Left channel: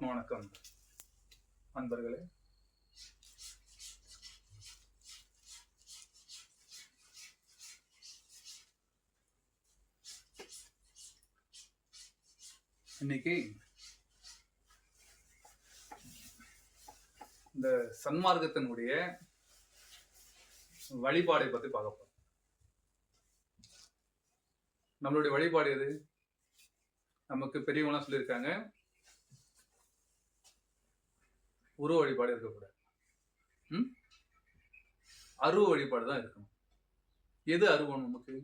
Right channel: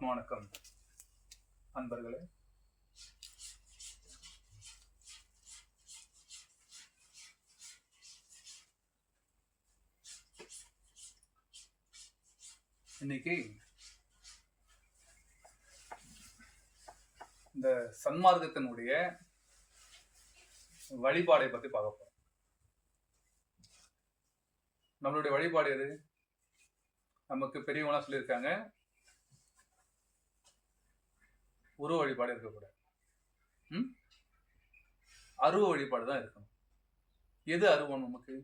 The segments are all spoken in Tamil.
ஆத்மா வணக்கம் அன்பர்களே. இன்னைக்கு இந்த சன்மார்க்கத்தினுடைய வழிபாடை பத்தி பார்க்க போறோம். நம்மளுடைய வழிபாடு எது? நமக்கு பெரியவங்களாம் சொல்லியிருக்காங்க, உருவ வழிபாடு இருக்கக்கூடாது, அருவ வழிபாடு தான் இருக்கணும். எது அருவம்? நமக்கு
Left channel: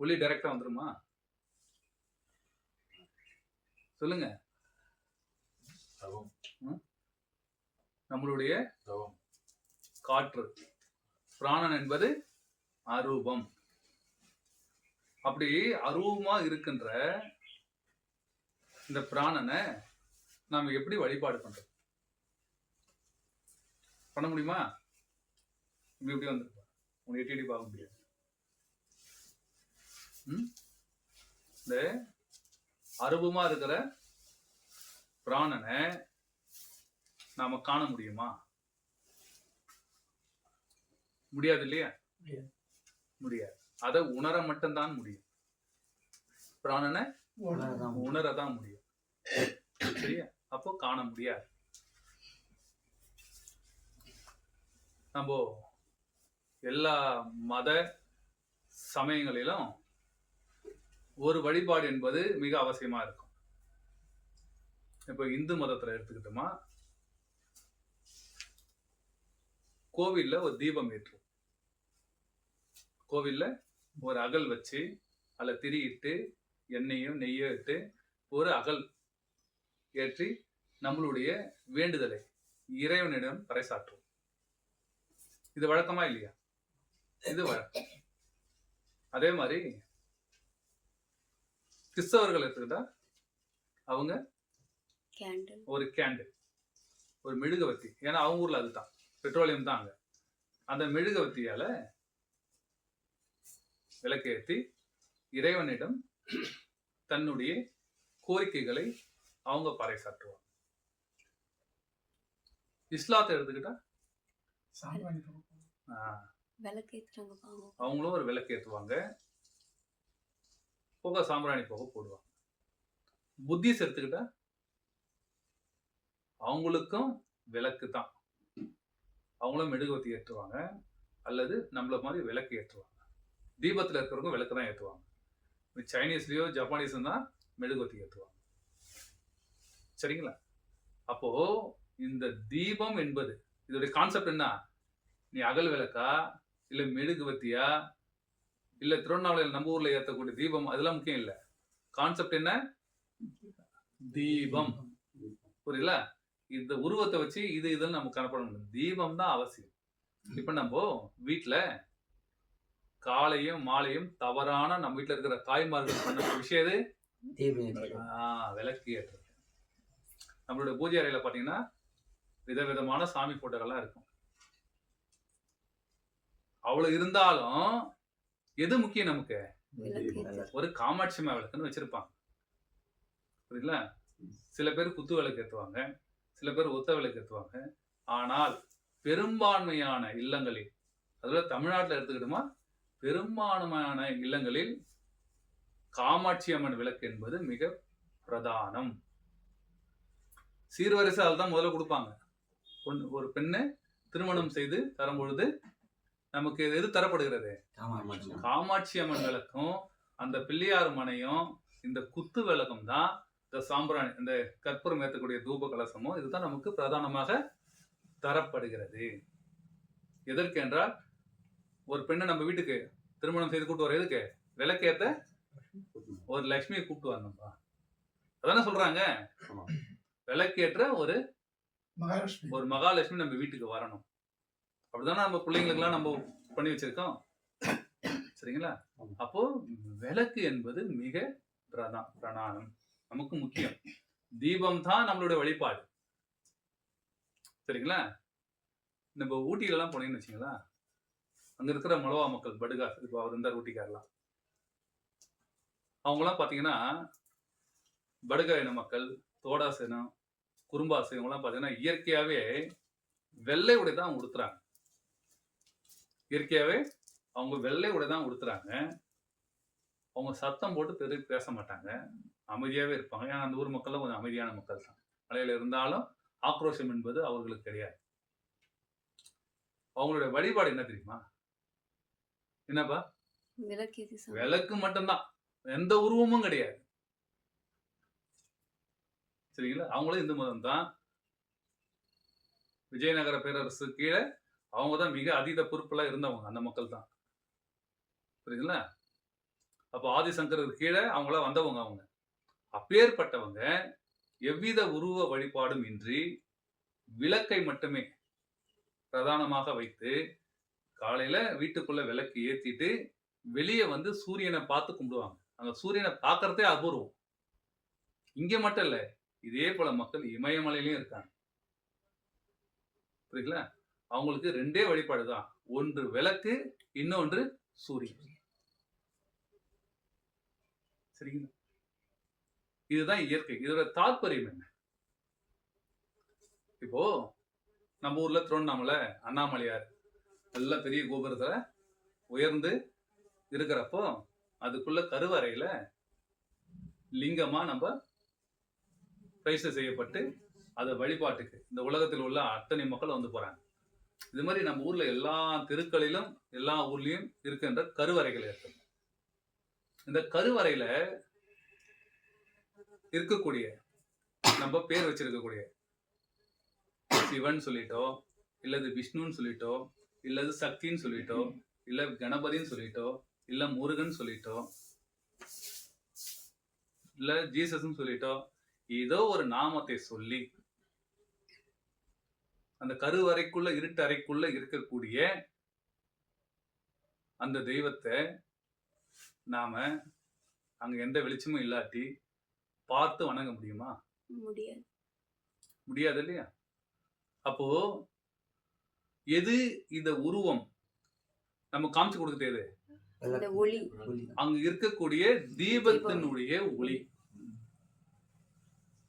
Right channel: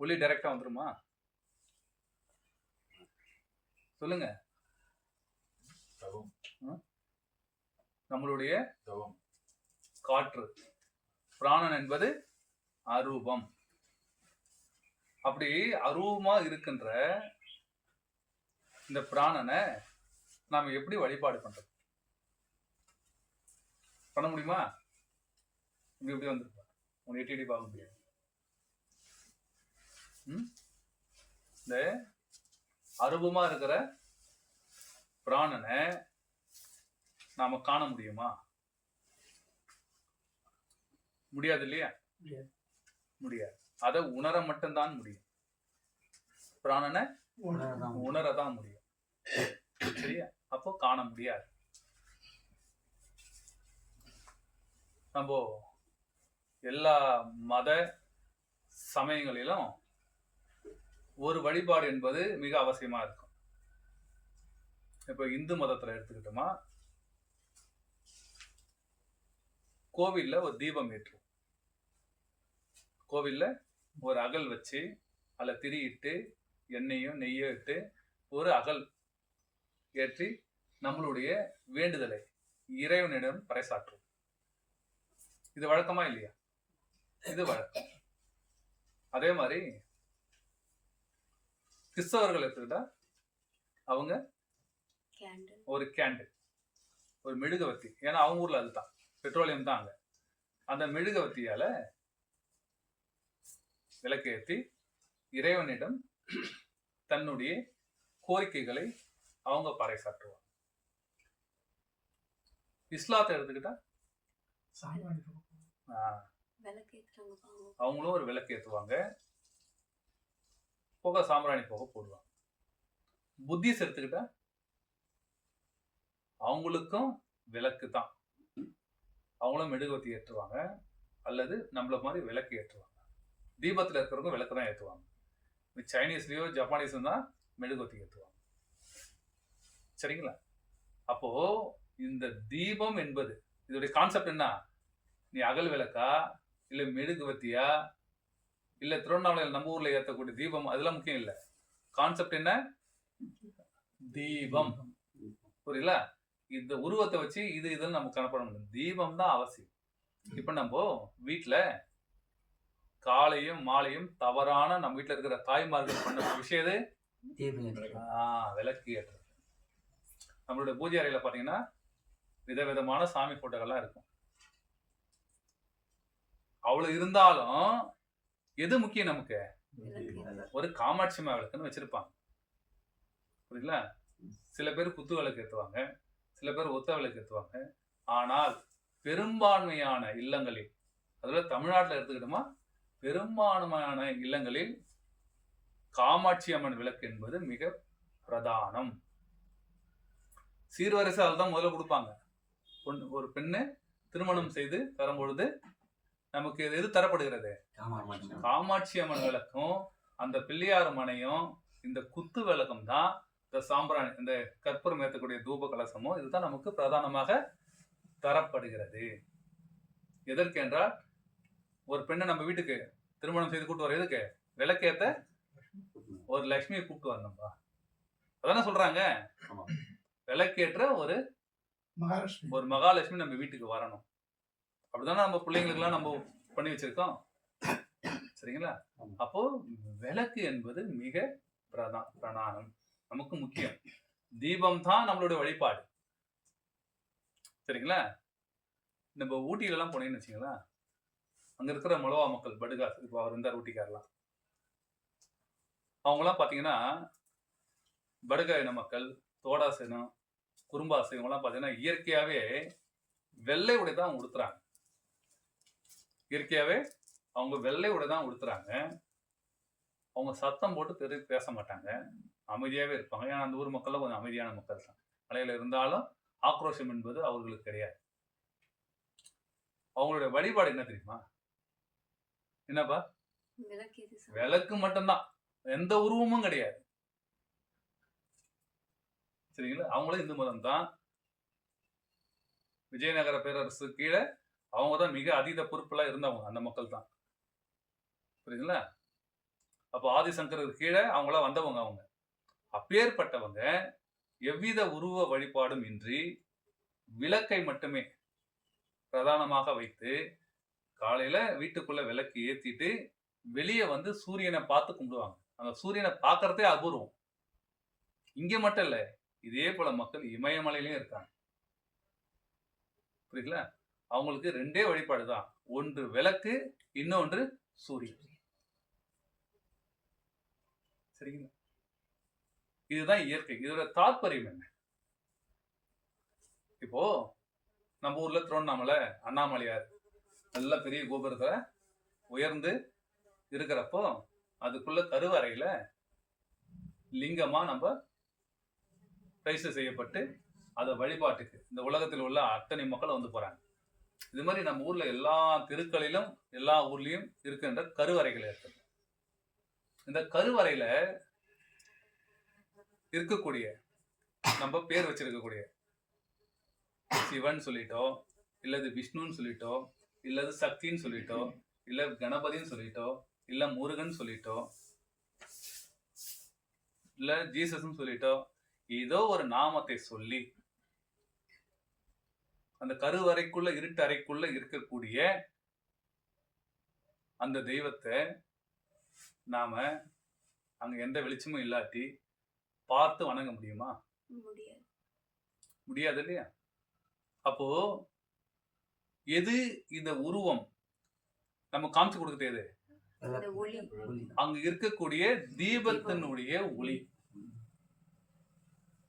ஒளி டைரக்டா வந்துருமா? சொல்லுங்க. நம்மளுடைய காற்று பிராணன் என்பது அரூபம். அப்படி அரூபமா இருக்கின்ற இந்த பிராணனை நாம எப்படி வழிபாடு பண்றது? பண்ண முடியுமா? இப்படி வந்துருப்பா, உங்களை எட்டி பார்க்க முடியாது. இந்த அரூபமா இருக்கிற பிராணனை நாம காண முடியுமா? முடியாது இல்லையா? முடியாது. அதை உணர மட்டும்தான் முடியும். பிராணனை உணரதான் முடியும். சரியா? அப்போ காண முடியாது. நம்ம எல்லா மத சமயங்களிலும் ஒரு வழிபாடு என்பது மிக அவசியமா இருக்கும். இப்ப இந்து மதத்துல எடுத்துக்கிட்டோமா, கோவில்ல ஒரு தீபம் ஏற்றும். கோவில்ல ஒரு அகல் வச்சு அதில் திரியிட்டு எண்ணெயும் நெய்யோ இட்டு ஒரு அகல் ஏற்றி நம்மளுடைய வேண்டுதலை இறைவனிடம் பறைசாற்றும். இது வழக்கமா இல்லையா? இது வழக்கம். அதே மாதிரி கிறிஸ்தவர்கள் எடுத்துக்கிட்டா அவங்க ஒரு கேண்டில், ஒரு மெழுகுவத்தி, ஏன்னா அவங்க ஊர்ல அதுதான் பெட்ரோலியம் தான். அங்க அந்த மெழுகுவத்தியால விளக்கேற்றி இறைவனிடம் தன்னுடைய கோரிக்கைகளை அவங்க பறைசாற்றுவாங்க. இஸ்லாத்தை எடுத்துக்கிட்டா அவங்களும் ஒரு விளக்கு ஏற்றுவாங்க, புகை சாம்பிராணி புகை போடுவாங்க. புத்திஸ் எடுத்துக்கிட்டா அவங்களுக்கும் விளக்கு தான், அவங்களும் மெழுகுவத்தி ஏற்றுவாங்க அல்லது நம்மள மாதிரி விளக்கு ஏற்றுவாங்க. தீபத்தில் இருக்கிறவங்க விளக்கு தான் ஏற்றுவாங்க. சைனீஸ்லயோ ஜப்பானீஸும் தான் மெழுகுவத்தி ஏற்றுவாங்க. சரிங்களா? அப்போ இந்த தீபம் என்பது இதோடைய கான்செப்ட் என்ன? நீ அகல் விளக்கா இல்லை மெழுகுவத்தியா இல்லை திருவண்ணாமலையில் நம்ம ஊர்ல ஏற்றக்கூடிய தீபம், அதெல்லாம் முக்கியம் இல்லை. கான்செப்ட் என்ன? தீபம். புரியல? இந்த உருவத்தை வச்சு இதுன்னு நம்ம கணப்பட முடியும். தீபம் தான் அவசியம். இப்ப நம்ம வீட்டுல காலையும் மாலையும் தவறான நம்ம வீட்டுல இருக்கிற தாய்மார்கள் பண்ண விஷயம் எது? விளக்கு ஏற்றுறது. நம்மளோட பூஜை அறையில பாத்தீங்கன்னா விதவிதமான சாமி போட்டோகள்லாம் இருக்கும். அவ்வளவு இருந்தாலும் எது முக்கியம் நமக்கு? ஒரு காமாட்சி அம்மா விளக்குன்னு வச்சிருப்பாங்க. புரியல? சில பேர் குத்து விளக்கு ஏற்றுவாங்க, சில பேர் ஒத்த விளக்கு ஏற்றுவாங்க. ஆனால் பெரும்பான்மையான இல்லங்களில், அதுல தமிழ்நாட்டில் எடுத்துக்கிட்டோமா, பெரும்பான்மையான இல்லங்களில் காமாட்சி அம்மன் விளக்கு என்பது மிக பிரதானம். சீர்வரிசை அதில் தான் முதல்ல கொடுப்பாங்க. ஒரு பெண்ணு திருமணம் செய்து தரும் பொழுது நமக்கு எது தரப்படுகிறது? காமாட்சி அம்மன் விளக்கும் அந்த பிள்ளையார் மனையும் இந்த குத்து விளக்கம் தான், இந்த சாம்பிராணி, இந்த கற்பூரம் ஏற்றக்கூடிய தூப கலசமும் இதுதான் நமக்கு பிரதானமாக தரப்படுகிறது. எதற்கு என்றால், ஒரு பெண்ணை நம்ம வீட்டுக்கு திருமணம் செய்து கூப்பிட்டு வர எதுக்கு? விளக்கேத்த ஒரு லட்சுமியை கூப்பிட்டு வரணும்பா. அதானே சொல்றாங்க. விளக்கேற்ற ஒரு மகாலட்சுமி நம்ம வீட்டுக்கு வரணும். அப்படிதானே நம்ம பிள்ளைங்களுக்கெல்லாம் நம்ம பண்ணி வச்சிருக்கோம். சரிங்களா? அப்போ விளக்கு என்பது மிக பிரதானம், நமக்கு முக்கியம். தீபம் தான் நம்மளுடைய வழிபாடு. சரிங்களா? நம்ம ஊட்டியிலலாம் போனீங்கன்னு வச்சுங்களா, அங்க இருக்கிற மலவா மக்கள், படுகா, இப்போ அவர் இருந்தார் ஊட்டிக்காரலாம், அவங்களாம் பார்த்தீங்கன்னா படுகா இன மக்கள், தோடாஸ் இனம், குறும்பாஸ் இவங்கெல்லாம் பார்த்தீங்கன்னா இயற்கையாகவே வெள்ளை உடை தான் அவங்க உடுத்துறாங்க. இயற்கையாகவே அவங்க வெள்ளை உடை தான் உடுத்துறாங்க. அவங்க சத்தம் போட்டு பேச மாட்டாங்க, அமைதியாகவே இருப்பாங்க. ஏன்னா அந்த ஊர் மக்கள்லாம் கொஞ்சம் அமைதியான மக்கள் தான். மலையில் இருந்தாலும் ஆக்ரோஷம் என்பது அவர்களுக்கு கிடையாது. அவங்களுடைய வழிபாடு என்ன தெரியுமா? என்னப்பா? விளக்கு மட்டும்தான், எந்த உருவமும் கிடையாது. சரிங்களா? அவங்களும் இந்து மதம் தான். விஜயநகர பேரரசு கீழே அவங்க தான் மிக அதீத பொறுப்புல இருந்தவங்க, அந்த மக்கள் தான். புரியுதுங்களா? அப்போ ஆதிசங்கருக்கு கீழே அவங்களாம் வந்தவங்க. அவங்க அப்பேற்பட்டவங்க எவ்வித உருவ வழிபாடும் இன்றி விளக்கை மட்டுமே பிரதானமாக வைத்து காலையில வீட்டுக்குள்ள விளக்கு ஏத்திட்டு வெளியே வந்து சூரியனை பார்த்து கும்பிடுவாங்க. அந்த சூரியனை பார்க்கறதே அபூர்வம். இங்க மட்டும் இல்ல, இதே போல மக்கள் இமயமலையிலயும் இருக்காங்க. புரியுதுங்களா? அவங்களுக்கு 2 வழிபாடு தான், ஒன்று விளக்கு, இன்னொன்று சூரியன். சரிங்களா? இதுதான் இயற்கை. இதோட தாற்பயம் என்ன? இப்போ நம்ம ஊர்ல திருவண்ணாமலை அண்ணாமலையார் நல்ல பெரிய கோபுரத்துல உயர்ந்து இருக்கிறப்போ அதுக்குள்ள கருவறையில லிங்கமா நம்ம பிரைஸ் செய்யப்பட்டு அதை வழிபாட்டுக்கு இந்த உலகத்தில் உள்ள அத்தனை மக்கள் வந்து போறாங்க. இது மாதிரி நம்ம ஊர்ல எல்லா தெருக்களிலும் எல்லா ஊர்லயும் இருக்கின்ற கருவறைகள் இருக்கு. இந்த கருவறையில இருக்கக்கூடிய நம்ம பேர் வச்சிருக்கக்கூடிய சிவன் சொல்லிட்டோ, இல்லது விஷ்ணுன்னு சொல்லிட்டோ, இல்லது சக்தின்னு சொல்லிட்டோ, இல்ல கணபதின்னு சொல்லிட்டோ, இல்ல முருகன் சொல்லிட்டோ, இல்ல ஜீசஸ்ன்னு சொல்லிட்டோ, ஏதோ ஒரு நாமத்தை சொல்லி அந்த கருவறைக்குள்ள இருட்டு அறைக்குள்ள இருக்கக்கூடிய அந்த தெய்வத்தை நாம அங்க எந்த வெளிச்சமும் இல்லாட்டி பார்த்து வணங்க முடியுமா? முடியாது இல்லையா? அப்போ எது இந்த உருவம் நம்ம காமிச்சு கொடுக்குறது? எது? அங்க இருக்கக்கூடிய தீபத்தினுடைய ஒளி.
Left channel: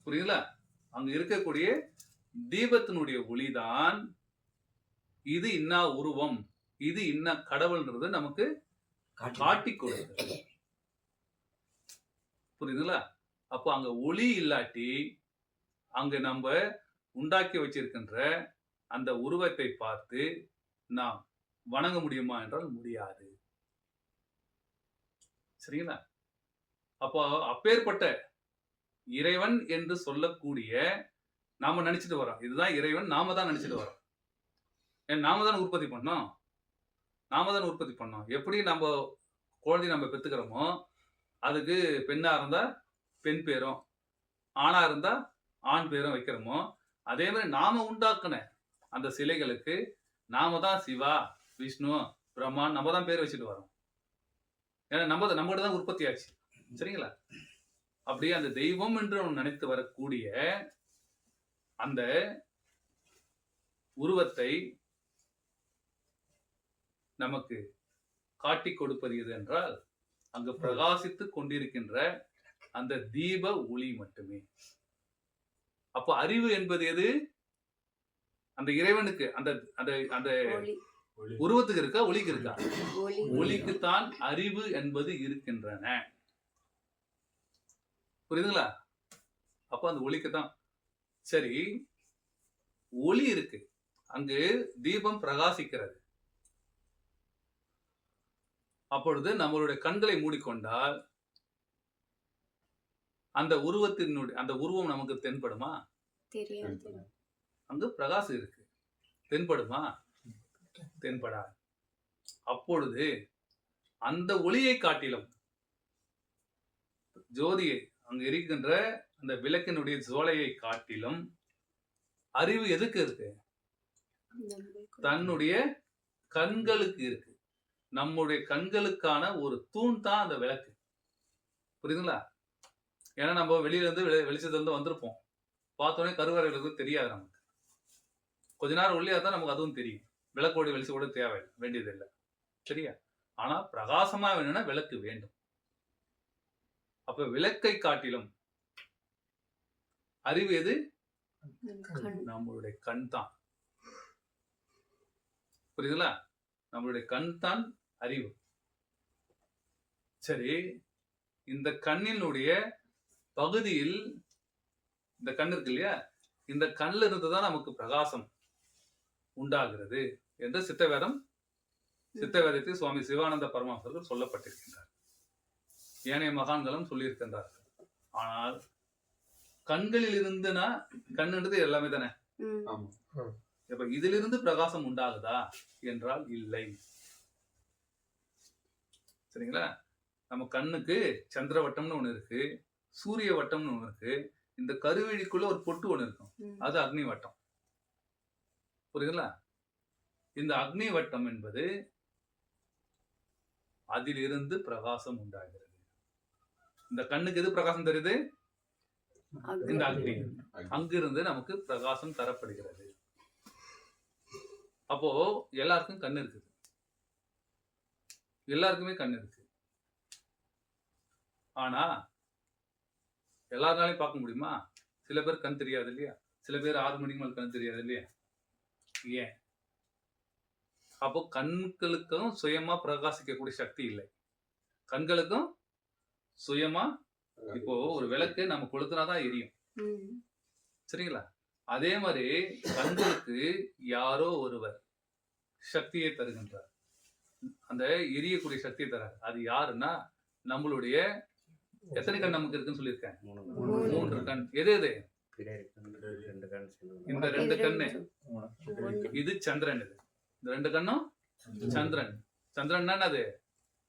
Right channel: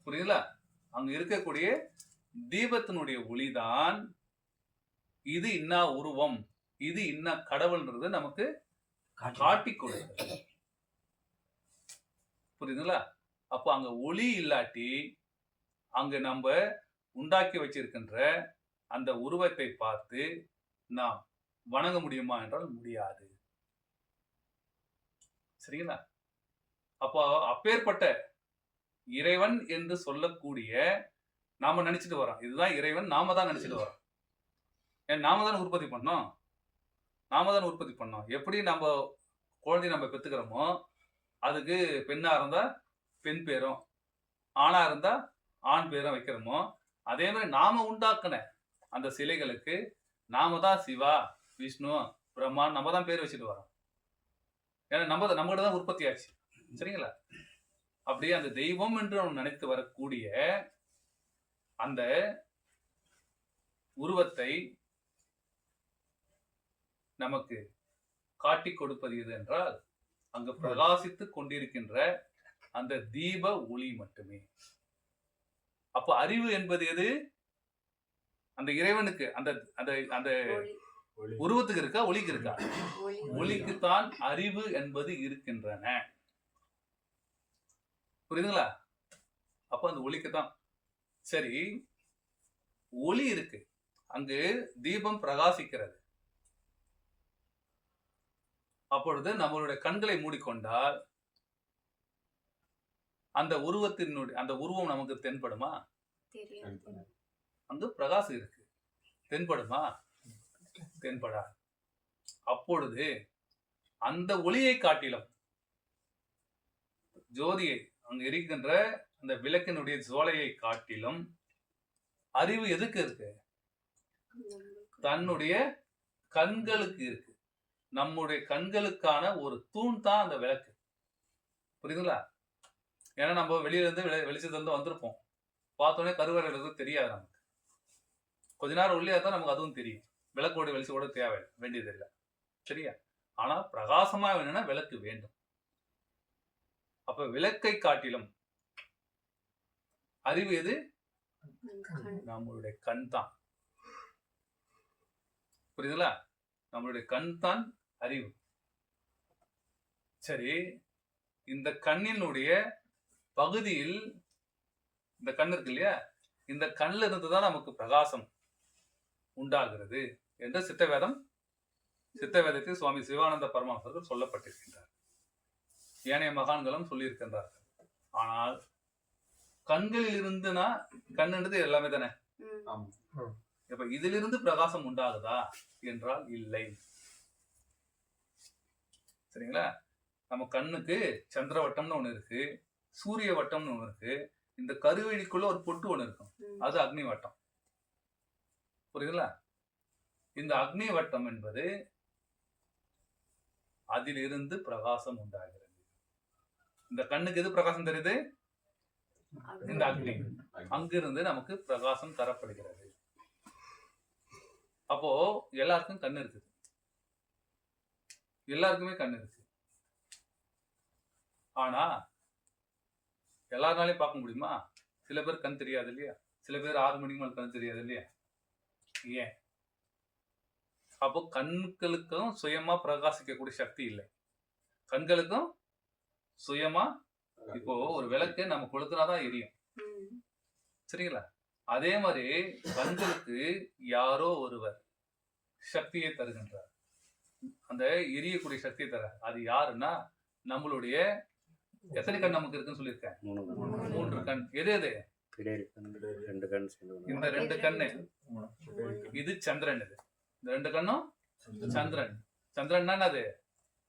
புரியுதுல? அங்க இருக்கக்கூடிய தீபத்தினுடைய ஒளிதான் இது இன்னா உருவம், இது இன்னா கடவுள்ன்றது நமக்கு காட்டி கொடுக்குது. புரியுதுங்களா? அப்போ அங்க ஒளி இல்லாட்டி அங்க நம்ம உண்டாக்கி வச்சிருக்கின்ற அந்த உருவத்தை பார்த்து நாம் வணங்க முடியுமா என்றால் முடியாது. சரிங்களா? அப்போ அப்பேற்பட்ட இறைவன் என்று சொல்லக்கூடிய நாம நினைச்சிட்டு வரோம், இதுதான் இறைவன், நாம தான் நினைச்சிட்டு வரோம். ஏன் நாம தான் உற்பத்தி பண்ணோம், நாம தான் உற்பத்தி பண்ணோம். எப்படி நம்ம குழந்தை நம்ம பெற்றுக்கிறோமோ அதுக்கு பெண்ணா இருந்தா பெண் பேரும், ஆணா இருந்தா ஆண் பேரும் வைக்கிறோமோ, அதே மாதிரி நாம உண்டாக்குன அந்த சிலைகளுக்கு நாம தான் சிவா, விஷ்ணு, பிரம்மான் நம்ம தான் பேர் வச்சுட்டு வரோம். ஏன்னா நம்மகிட்ட தான் உற்பத்தி ஆச்சு. சரிங்களா? அப்படியே அந்த தெய்வம் என்று நம்ம நினைத்து வரக்கூடிய அந்த உருவத்தை நமக்கு காட்டி கொடுப்பது எது என்றால் அங்கு பிரகாசித்து கொண்டிருக்கின்ற அந்த தீப ஒளி மட்டுமே. அப்ப அறிவு என்பது எது? அந்த இறைவனுக்கு அந்த அந்த அந்த உருவத்துக்கு இருக்கா, ஒளிக்கு இருக்கா? ஒளிக்குத்தான் அறிவு என்பது இருக்கின்றன. புரியுதுங்களா? அப்ப அந்த ஒளிக்கு தான். சரி, ஒளி இருக்கு, அங்கு தீபம் பிரகாசிக்கிறது. அப்பொழுது நம்மளுடைய கண்களை மூடிக்கொண்டால் அந்த உருவம் நமக்கு தென்படுமா? அங்கு பிரகாசம் இருக்கு, தென்படுமா? தென்படாது. அப்பொழுது அந்த ஒளியை காட்டிலும் ஜோதியை அங்கு இருக்கின்ற அந்த விளக்கினுடைய ஜோலையை காட்டிலும் அறிவு எதுக்கு இருக்கு? தன்னுடைய கண்களுக்கு இருக்கு. நம்முடைய கண்களுக்கான ஒரு தூண் தான் அந்த விளக்கு. புரியுதுங்களா? ஏன்னா நம்ம வெளியில இருந்து வெளிச்சத்துல இருந்து வந்திருப்போம், பார்த்தோன்னே கருவறைகளுக்கு தெரியாது. நமக்கு கொஞ்ச நேரம் உள்ளே தான் நமக்கு அதுவும் தெரியும். விளக்கோடு வெளிச்சோட தேவை வேண்டியதில்லை. சரியா? ஆனா பிரகாசமா வேணும்னா விளக்கு வேண்டும். அப்ப விளக்கை காட்டிலும் அறிவு எது? நம்மளுடைய கண் தான். புரியுதுங்களா? நம்மளுடைய கண் தான் அறிவு. சரி, இந்த கண்ணினுடைய பகுதியில் இந்த கண் இருக்கு இல்லையா, இந்த கண்ணில் இருந்துதான் நமக்கு பிரகாசம் உண்டாகிறது என்று சித்தவேதத்தில் சுவாமி சிவானந்த பரமஹம்சர்கள் சொல்லப்பட்டிருக்கின்றார். ஏனைய மகான்களும் சொல்லியிருக்கின்றார்கள். ஆனால் கண்களில் இருந்துனா, கண்ணுன்றது எல்லாமே தானே. இப்ப இதிலிருந்து பிரகாசம் உண்டாகுதா என்றால் இல்லை. சரிங்களா? நம்ம கண்ணுக்கு சந்திர வட்டம்னு ஒண்ணு இருக்கு, சூரிய வட்டம்னு ஒண்ணு இருக்கு, இந்த கருவிழிக்குள்ள ஒரு பொட்டு ஒண்ணு இருக்கும், அது அக்னி வட்டம். புரியுதுங்களா? இந்த அக்னி வட்டம் என்பது அதிலிருந்து பிரகாசம் உண்டாகிறது. இந்த கண்ணுக்கு எது பிரகாசம் தெரியுது? இந்த அக்னி. அங்கிருந்து நமக்கு பிரகாசம் தரப்படுகிறது. அப்போ எல்லாருக்கும் கண் இருக்குது, எல்லாருக்குமே கண் இருக்கு. ஆனா எல்லாருனாலையும் பார்க்க முடியுமா? சில பேர் கண் தெரியாது இல்லையா? சில பேர் 6 மணிக்கு மேல் கண் தெரியாது இல்லையா? ஏன்? அப்போ கண்களுக்கும் சுயமா பிரகாசிக்கக்கூடிய சக்தி இல்லை. கண்களுக்கும் சுயமா இப்போ ஒரு விளக்கு நம்ம கொளுத்துனாதான் எரியும். சரிங்களா? அதே மாதிரி கண்களுக்கு யாரோ ஒருவர் சக்தியை தருகின்றார். அந்த எரியக்கூடிய சக்தியை தர, அது யாருன்னா நம்மளுடைய எத்தனை கண் நமக்கு இருக்குன்னு சொல்லியிருக்கேன்? 3 கண். எது எது? இந்த 2 கண்ணு, இது சந்திரன். இது இந்த 2 கண்ணும் சந்திரன். சந்திரன் அது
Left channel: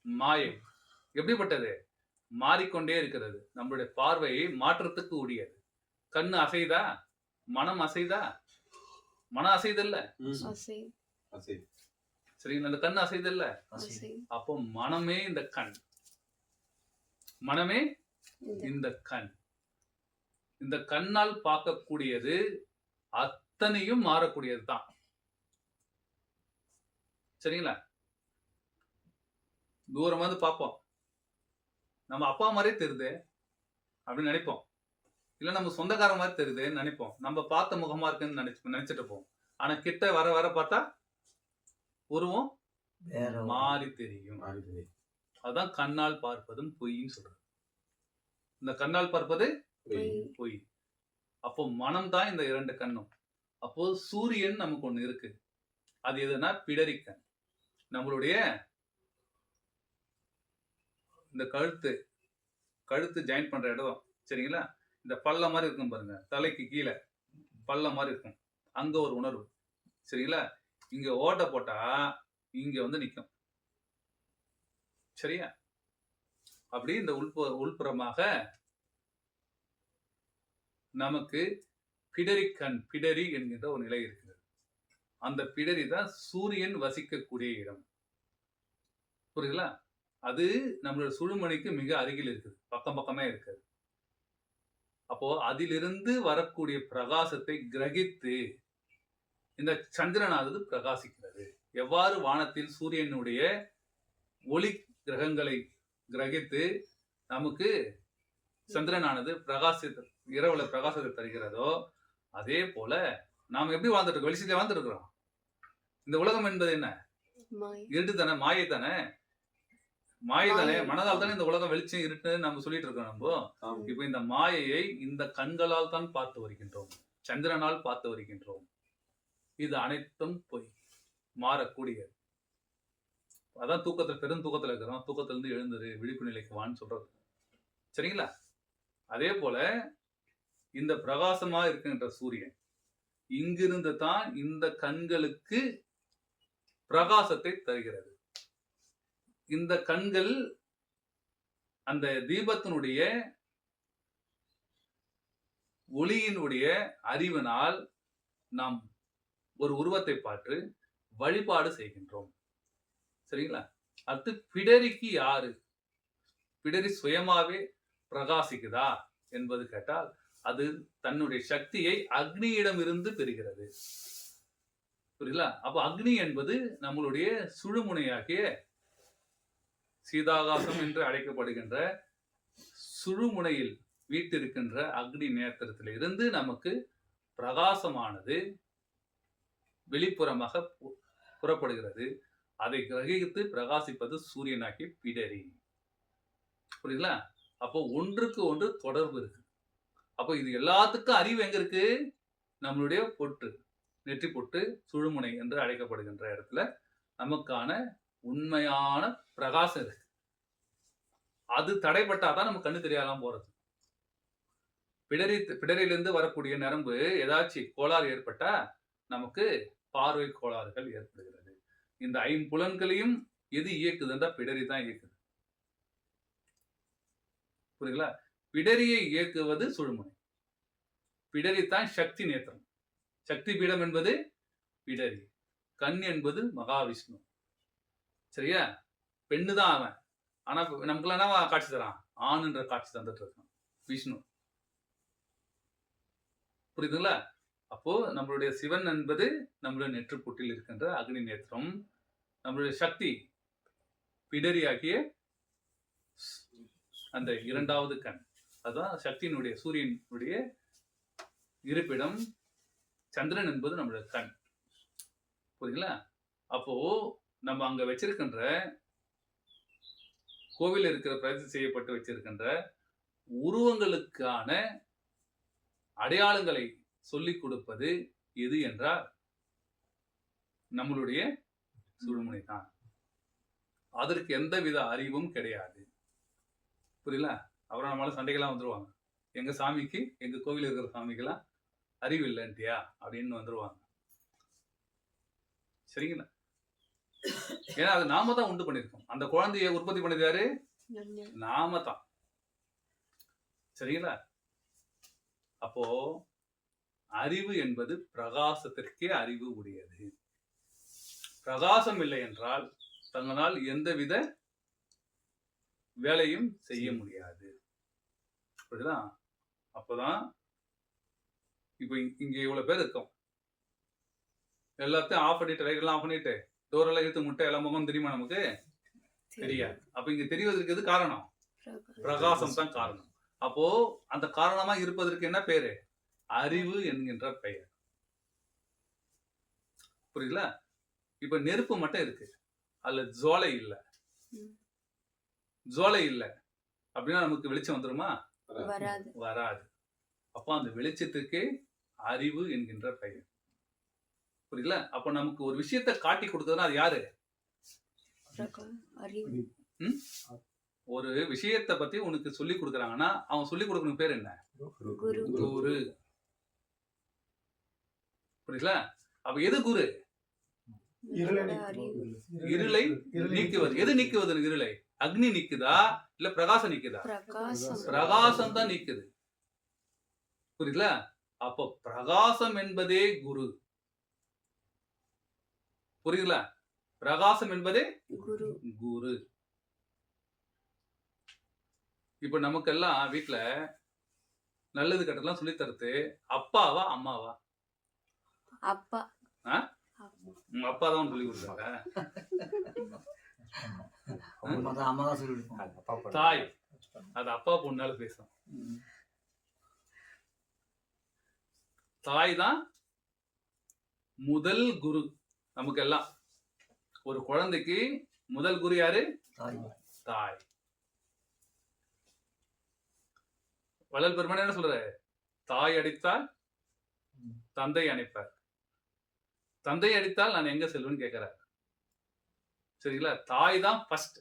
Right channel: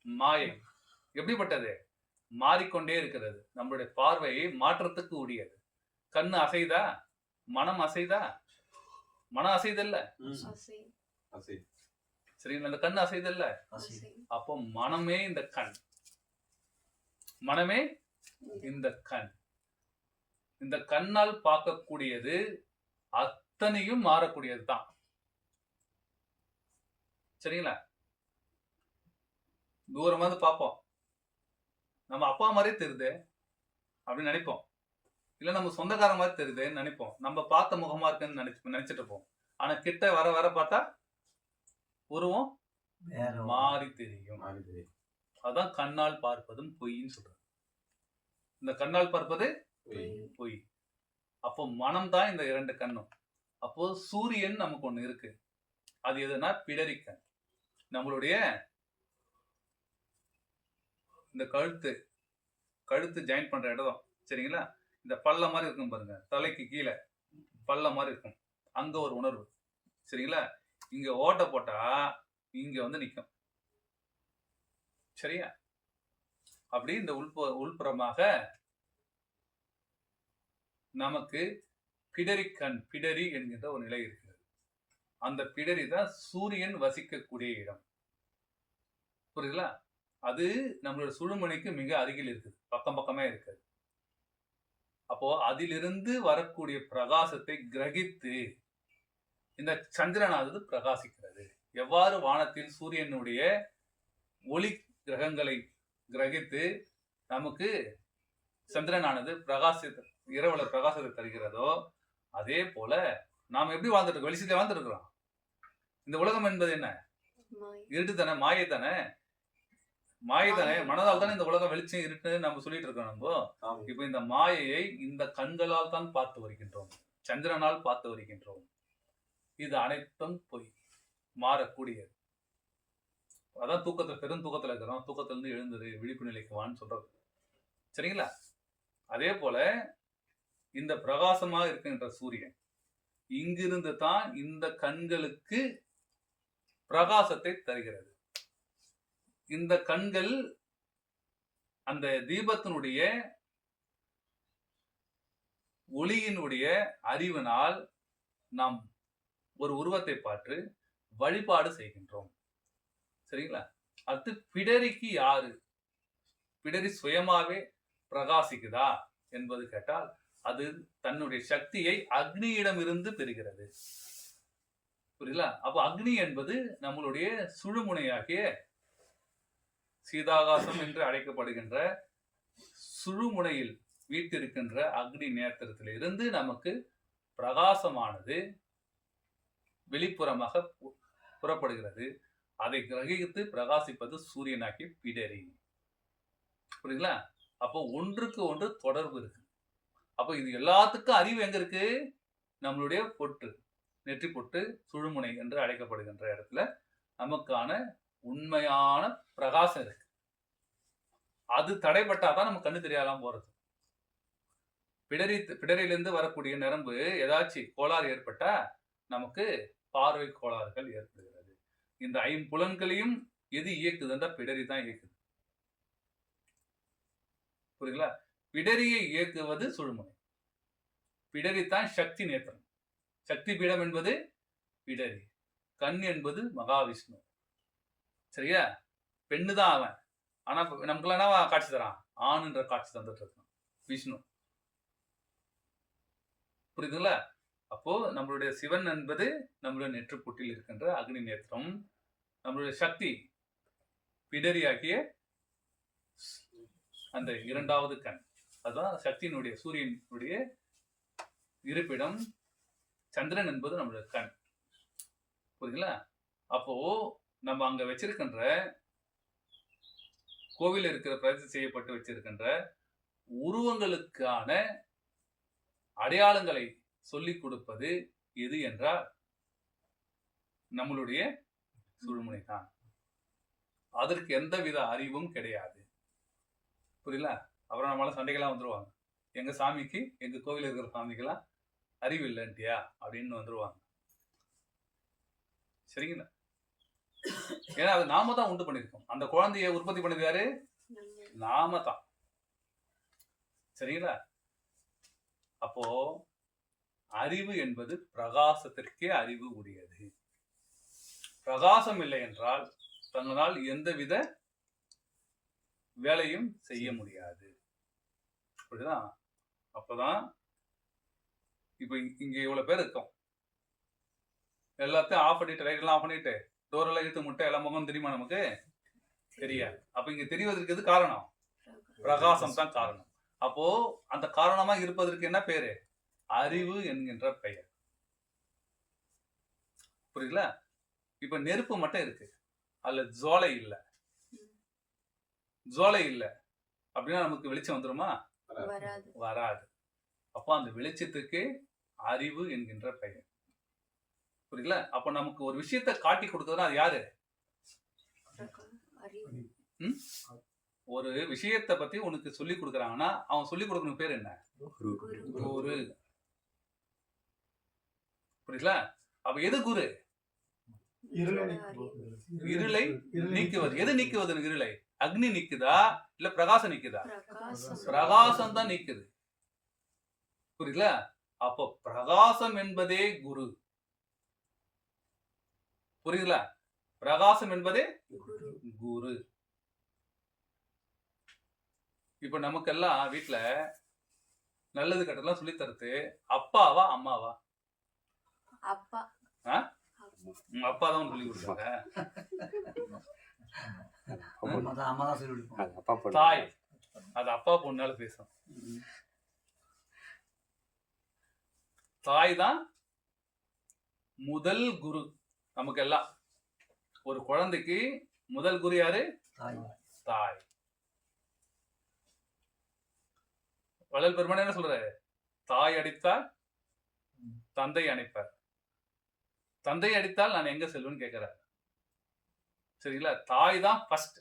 மாயை. எப்படிப்பட்டது? மாறிக்கொண்டே இருக்கிறது. நம்மளுடைய பார்வையை மாற்றத்துக்கு உரியது. கண்ணு அசைதா? மனம் அசைதா? மனம் அசைதல்ல. சரிங்களா? அந்த கண்ணு அசைதல்ல. அப்போ மனமே இந்த கண், மனமே இந்த கண். இந்த கண்ணால் பார்க்கக்கூடியது அத்தனையும் மாறக்கூடியது தான். சரிங்களா? தூரமா வந்து பார்ப்போம், நம்ம அப்பா மாதிரியே தெரியுது அப்படின்னு நினைப்போம். இல்ல நம்ம சொந்தக்கார மாதிரி தெரியுதுன்னு நினைப்போம். நம்ம பார்த்த முகமா இருக்குன்னு நினைச்சிட்டு இருப்போம். ஆனா கிட்ட வர வர பார்த்தா உருவம் மாறி தெரியும். அதுதான் கண்ணால் பார்ப்பதும் பொய்ன்னு சொல்றது. இந்த கண்ணால் பார்ப்பது பொய். அப்போ மனம் தான் இந்த 2 கண்ணும். அப்போ சூரியன் நமக்கு ஒண்ணு இருக்கு. அது எதுனா பிடரிக்கண். நம்மளுடைய இந்த கழுத்து ஜாயின் பண்ற இடம், சரிங்களா? இந்த பல்ல மாதிரி இருக்கும் பாருங்க, தலைக்கு கீழே பல்ல மாதிரி இருக்கும். அங்க ஒரு உணர்வு, சரிங்களா? இங்க ஓட்டை போட்டா இங்க வந்து நிற்கும். சரியா? அப்படி இந்த உள்புறமாக நமக்கு பிடரி என்கின்ற ஒரு நிலை இருக்கிறது. அந்த பிடரி தான் சூரியன் வசிக்கக்கூடிய இடம். புரியுதுங்களா? அது நம்மளோட சுழுமணிக்கு மிக அருகில் இருக்குது, பக்கம் பக்கமே இருக்குது. அப்போ அதிலிருந்து வரக்கூடிய பிரகாசத்தை கிரகித்து இந்த சந்திரனானது பிரகாசிக்கிறது. எவ்வாறு வானத்தில் சூரியனுடைய ஒளி கிரகங்களை கிரகித்து நமக்கு சந்திரனானது இரவுல பிரகாசத்தை தருகிறதோ, அதே போல நாம் எப்படி வாழ்ந்துட்டு இருக்கோம்? வெளிச்சத்துல வாழ்ந்துட்டு இருக்கிறோம். இந்த உலகம் என்பது என்ன? இருட்டு தானே, மாயை தானே. மனதால் தானே இந்த உலகம் வெளிச்சம் இருட்டு நம்ம சொல்லிட்டு இருக்கோம். நம்ம இப்ப இந்த மாயையை இந்த கண்களால் தான் பார்த்து வருகின்றோம், சந்திரனால் பார்த்து வருகின்றோம். இது அனைத்தும் பொய், மாறக்கூடியது. அதான் பெரும் தூக்கத்துல இருக்கிறோம். தூக்கத்துல இருந்து எழுந்துரு, விழிப்பு நிலைக்கு வான்னு சொல்றது. சரிங்களா? அதே போல இந்த பிரகாசமா இருக்கின்ற சூரியன் இங்கிருந்து தான் இந்த கண்களுக்கு பிரகாசத்தை தருகிறது. இந்த கண்கள் அந்த தீபத்தினுடைய ஒளியினுடைய அறிவினால் நாம் ஒரு உருவத்தை பார்த்து வழிபாடு செய்கின்றோம். சரிங்களா? அடுத்து பிடரிக்கு யாரு? பிடரி சுயமாவே பிரகாசிக்குதா என்பது கேட்டால், அது தன்னுடைய சக்தியை அக்னியிடம் இருந்து பெறுகிறது. புரியுதுல? அப்ப அக்னி என்பது நம்மளுடைய சுழுமுனையாகிய சீதாகாசம் என்று அழைக்கப்படுகின்ற சுழுமுனையில் வீட்டிருக்கின்ற அக்னி நேத்திரத்திலிருந்து நமக்கு பிரகாசமானது வெளிப்புறமாக புறப்படுகிறது. அதை கிரகித்து பிரகாசிப்பது சூரியனாகி பிடரி. புரியுதுங்களா? அப்போ ஒன்றுக்கு ஒன்று தொடர்பு இருக்கு. அப்போ இது எல்லாத்துக்கும் அறிவு எங்க இருக்கு? நம்மளுடைய பொட்டு, நெற்றி பொட்டு, சுழுமுனை என்று அழைக்கப்படுகின்ற இடத்துல நமக்கான உண்மையான பிரகாசம் இருக்கு. அது தடைப்பட்டாதான் நம்ம கண்ணு தெரியாம போறது. பிடரிலிருந்து வரக்கூடிய நரம்பு ஏதாச்சும் கோளாறு ஏற்பட்டா நமக்கு பார்வை கோளாறுகள் ஏற்படுகிறது. இந்த ஐம்புலன்களையும் எது இயக்குதுன்றா பிடரி தான் இயக்குது. புரியுதுங்களா? பிடரியை இயக்குவது சுழுமுனை. பிடரி தான் சக்தி நேத்திரம். சக்தி பீடம் என்பது பிடரி. கண் என்பது மகாவிஷ்ணு. சரியா? பெண்ணு தான் அவன். ஆனா நமக்குலாம் என்ன காட்சி தரான்? ஆணுன்ற காட்சி தந்துட்டு இருக்கான் விஷ்ணு. புரியுதுங்களா? அப்போ நம்மளுடைய சிவன் என்பது நம்மளுடைய நெற்றுப்புட்டில் இருக்கின்ற அக்னி நேத்திரம். நம்மளுடைய சக்தி பிடரியாகிய அந்த இரண்டாவது கண். அதுதான் சக்தியினுடைய சூரியனுடைய இருப்பிடம். சந்திரன் என்பது நம்மளுடைய கண். புரியுதுங்களா? அப்போ நம்ம அங்க வச்சிருக்கின்ற கோவில் இருக்கிற பிரதிஷ்டை செய்யப்பட்டு வச்சிருக்கின்ற உருவங்களுக்கான அடையாளங்களை சொல்லிக் கொடுப்பது எது என்றால் நம்மளுடைய சுழுமுனை தான். அதற்கு எந்தவித அறிவும் கிடையாது. புரியல? அப்புறம் நம்மளால சண்டைகள்லாம் வந்துருவாங்க. எங்க சாமிக்கு, எங்க கோவில் இருக்கிற சாமிக்கெல்லாம் அறிவு இல்லைன்ட்டியா அப்படின்னு வந்துருவாங்க. சரிங்களா? ஏன்னா அது நாம தான் உண்டு பண்ணிருக்கோம். அந்த குழந்தைய உற்பத்தி பண்ணது யாரு? நாம தான். சரிங்களா? அப்போ அறிவு என்பது பிரகாசத்திற்கே அறிவு உடையது. பிரகாசம் இல்லை என்றால் தங்களால் எந்தவித வேலையும் செய்ய முடியாது. புரியுதா? அப்பதான் இப்ப இங்க இவ்வளவு பேர் இருக்கோம். எல்லாத்தையும் ஆஃப் பண்ணிட்டு, லைட் ஆஃப் பண்ணிட்டு, டோர் எல்லாம் இழுத்து முட்டை எல்லா முகம் தெரியுமா? நமக்கு தெரியாது. அப்ப இங்க தெரிவதற்கு எது காரணம்? பிரகாசம் தான் காரணம். அப்போ அந்த காரணமா இருப்பதற்கு என்ன பேரு? அறிவு என்கின்ற பெயர். புரியுதுல? இப்ப நெருப்பு மட்டும் இருக்கு, அதுல ஜுவாலை இல்லை. ஜுவாலை இல்லை அப்படின்னா நமக்கு வெளிச்சம் வந்துருமா? வராது. அப்ப அந்த வெளிச்சத்துக்கு அறிவு என்கின்ற பெயர். புரியல? அப்ப நமக்கு ஒரு விஷயத்தை காட்டி கொடுத்ததுன்னா அது யாரு? ஒரு விஷயத்தை பத்தி உனக்கு சொல்லி கொடுக்குறாங்கன்னா அவன் சொல்லி கொடுக்கணும் பேர் என்ன? குரு. புரியல? அப்ப எது குரு? இருளை நீக்குவது. எது நீக்குவது? இருளை அக்னி நீக்குதா இல்ல பிரகாசம் நீக்குதா? பிரகாசம் தான் நீக்குது. புரியல? அப்போ பிரகாசம் என்பதே குரு. புரியுதுல? பிரகாசம் என்பதே குரு. இப்ப நமக்கெல்லாம் வீட்டுல நல்லது கெட்டதெல்லாம் சொல்லி தருது அப்பாவா அம்மாவா? அப்பா. அப்பா தான் சொல்லி கொடுத்தாங்க. தாய் அது அப்பா பொண்ணால பேசும். தாய் தான் முதல் குரு நமக்கு எல்லாம். ஒரு குழந்தைக்கு முதல் குரு யாரு? தாய். வள்ளல் பெருமான் என்ன சொல்ற? தாய் அடித்தால் தந்தை அணைப்பார். தந்தை அடித்தால் நான் எங்க செல்வேன்னு கேட்கிறார். சரிங்களா? தாய் தான் ஃபர்ஸ்ட்.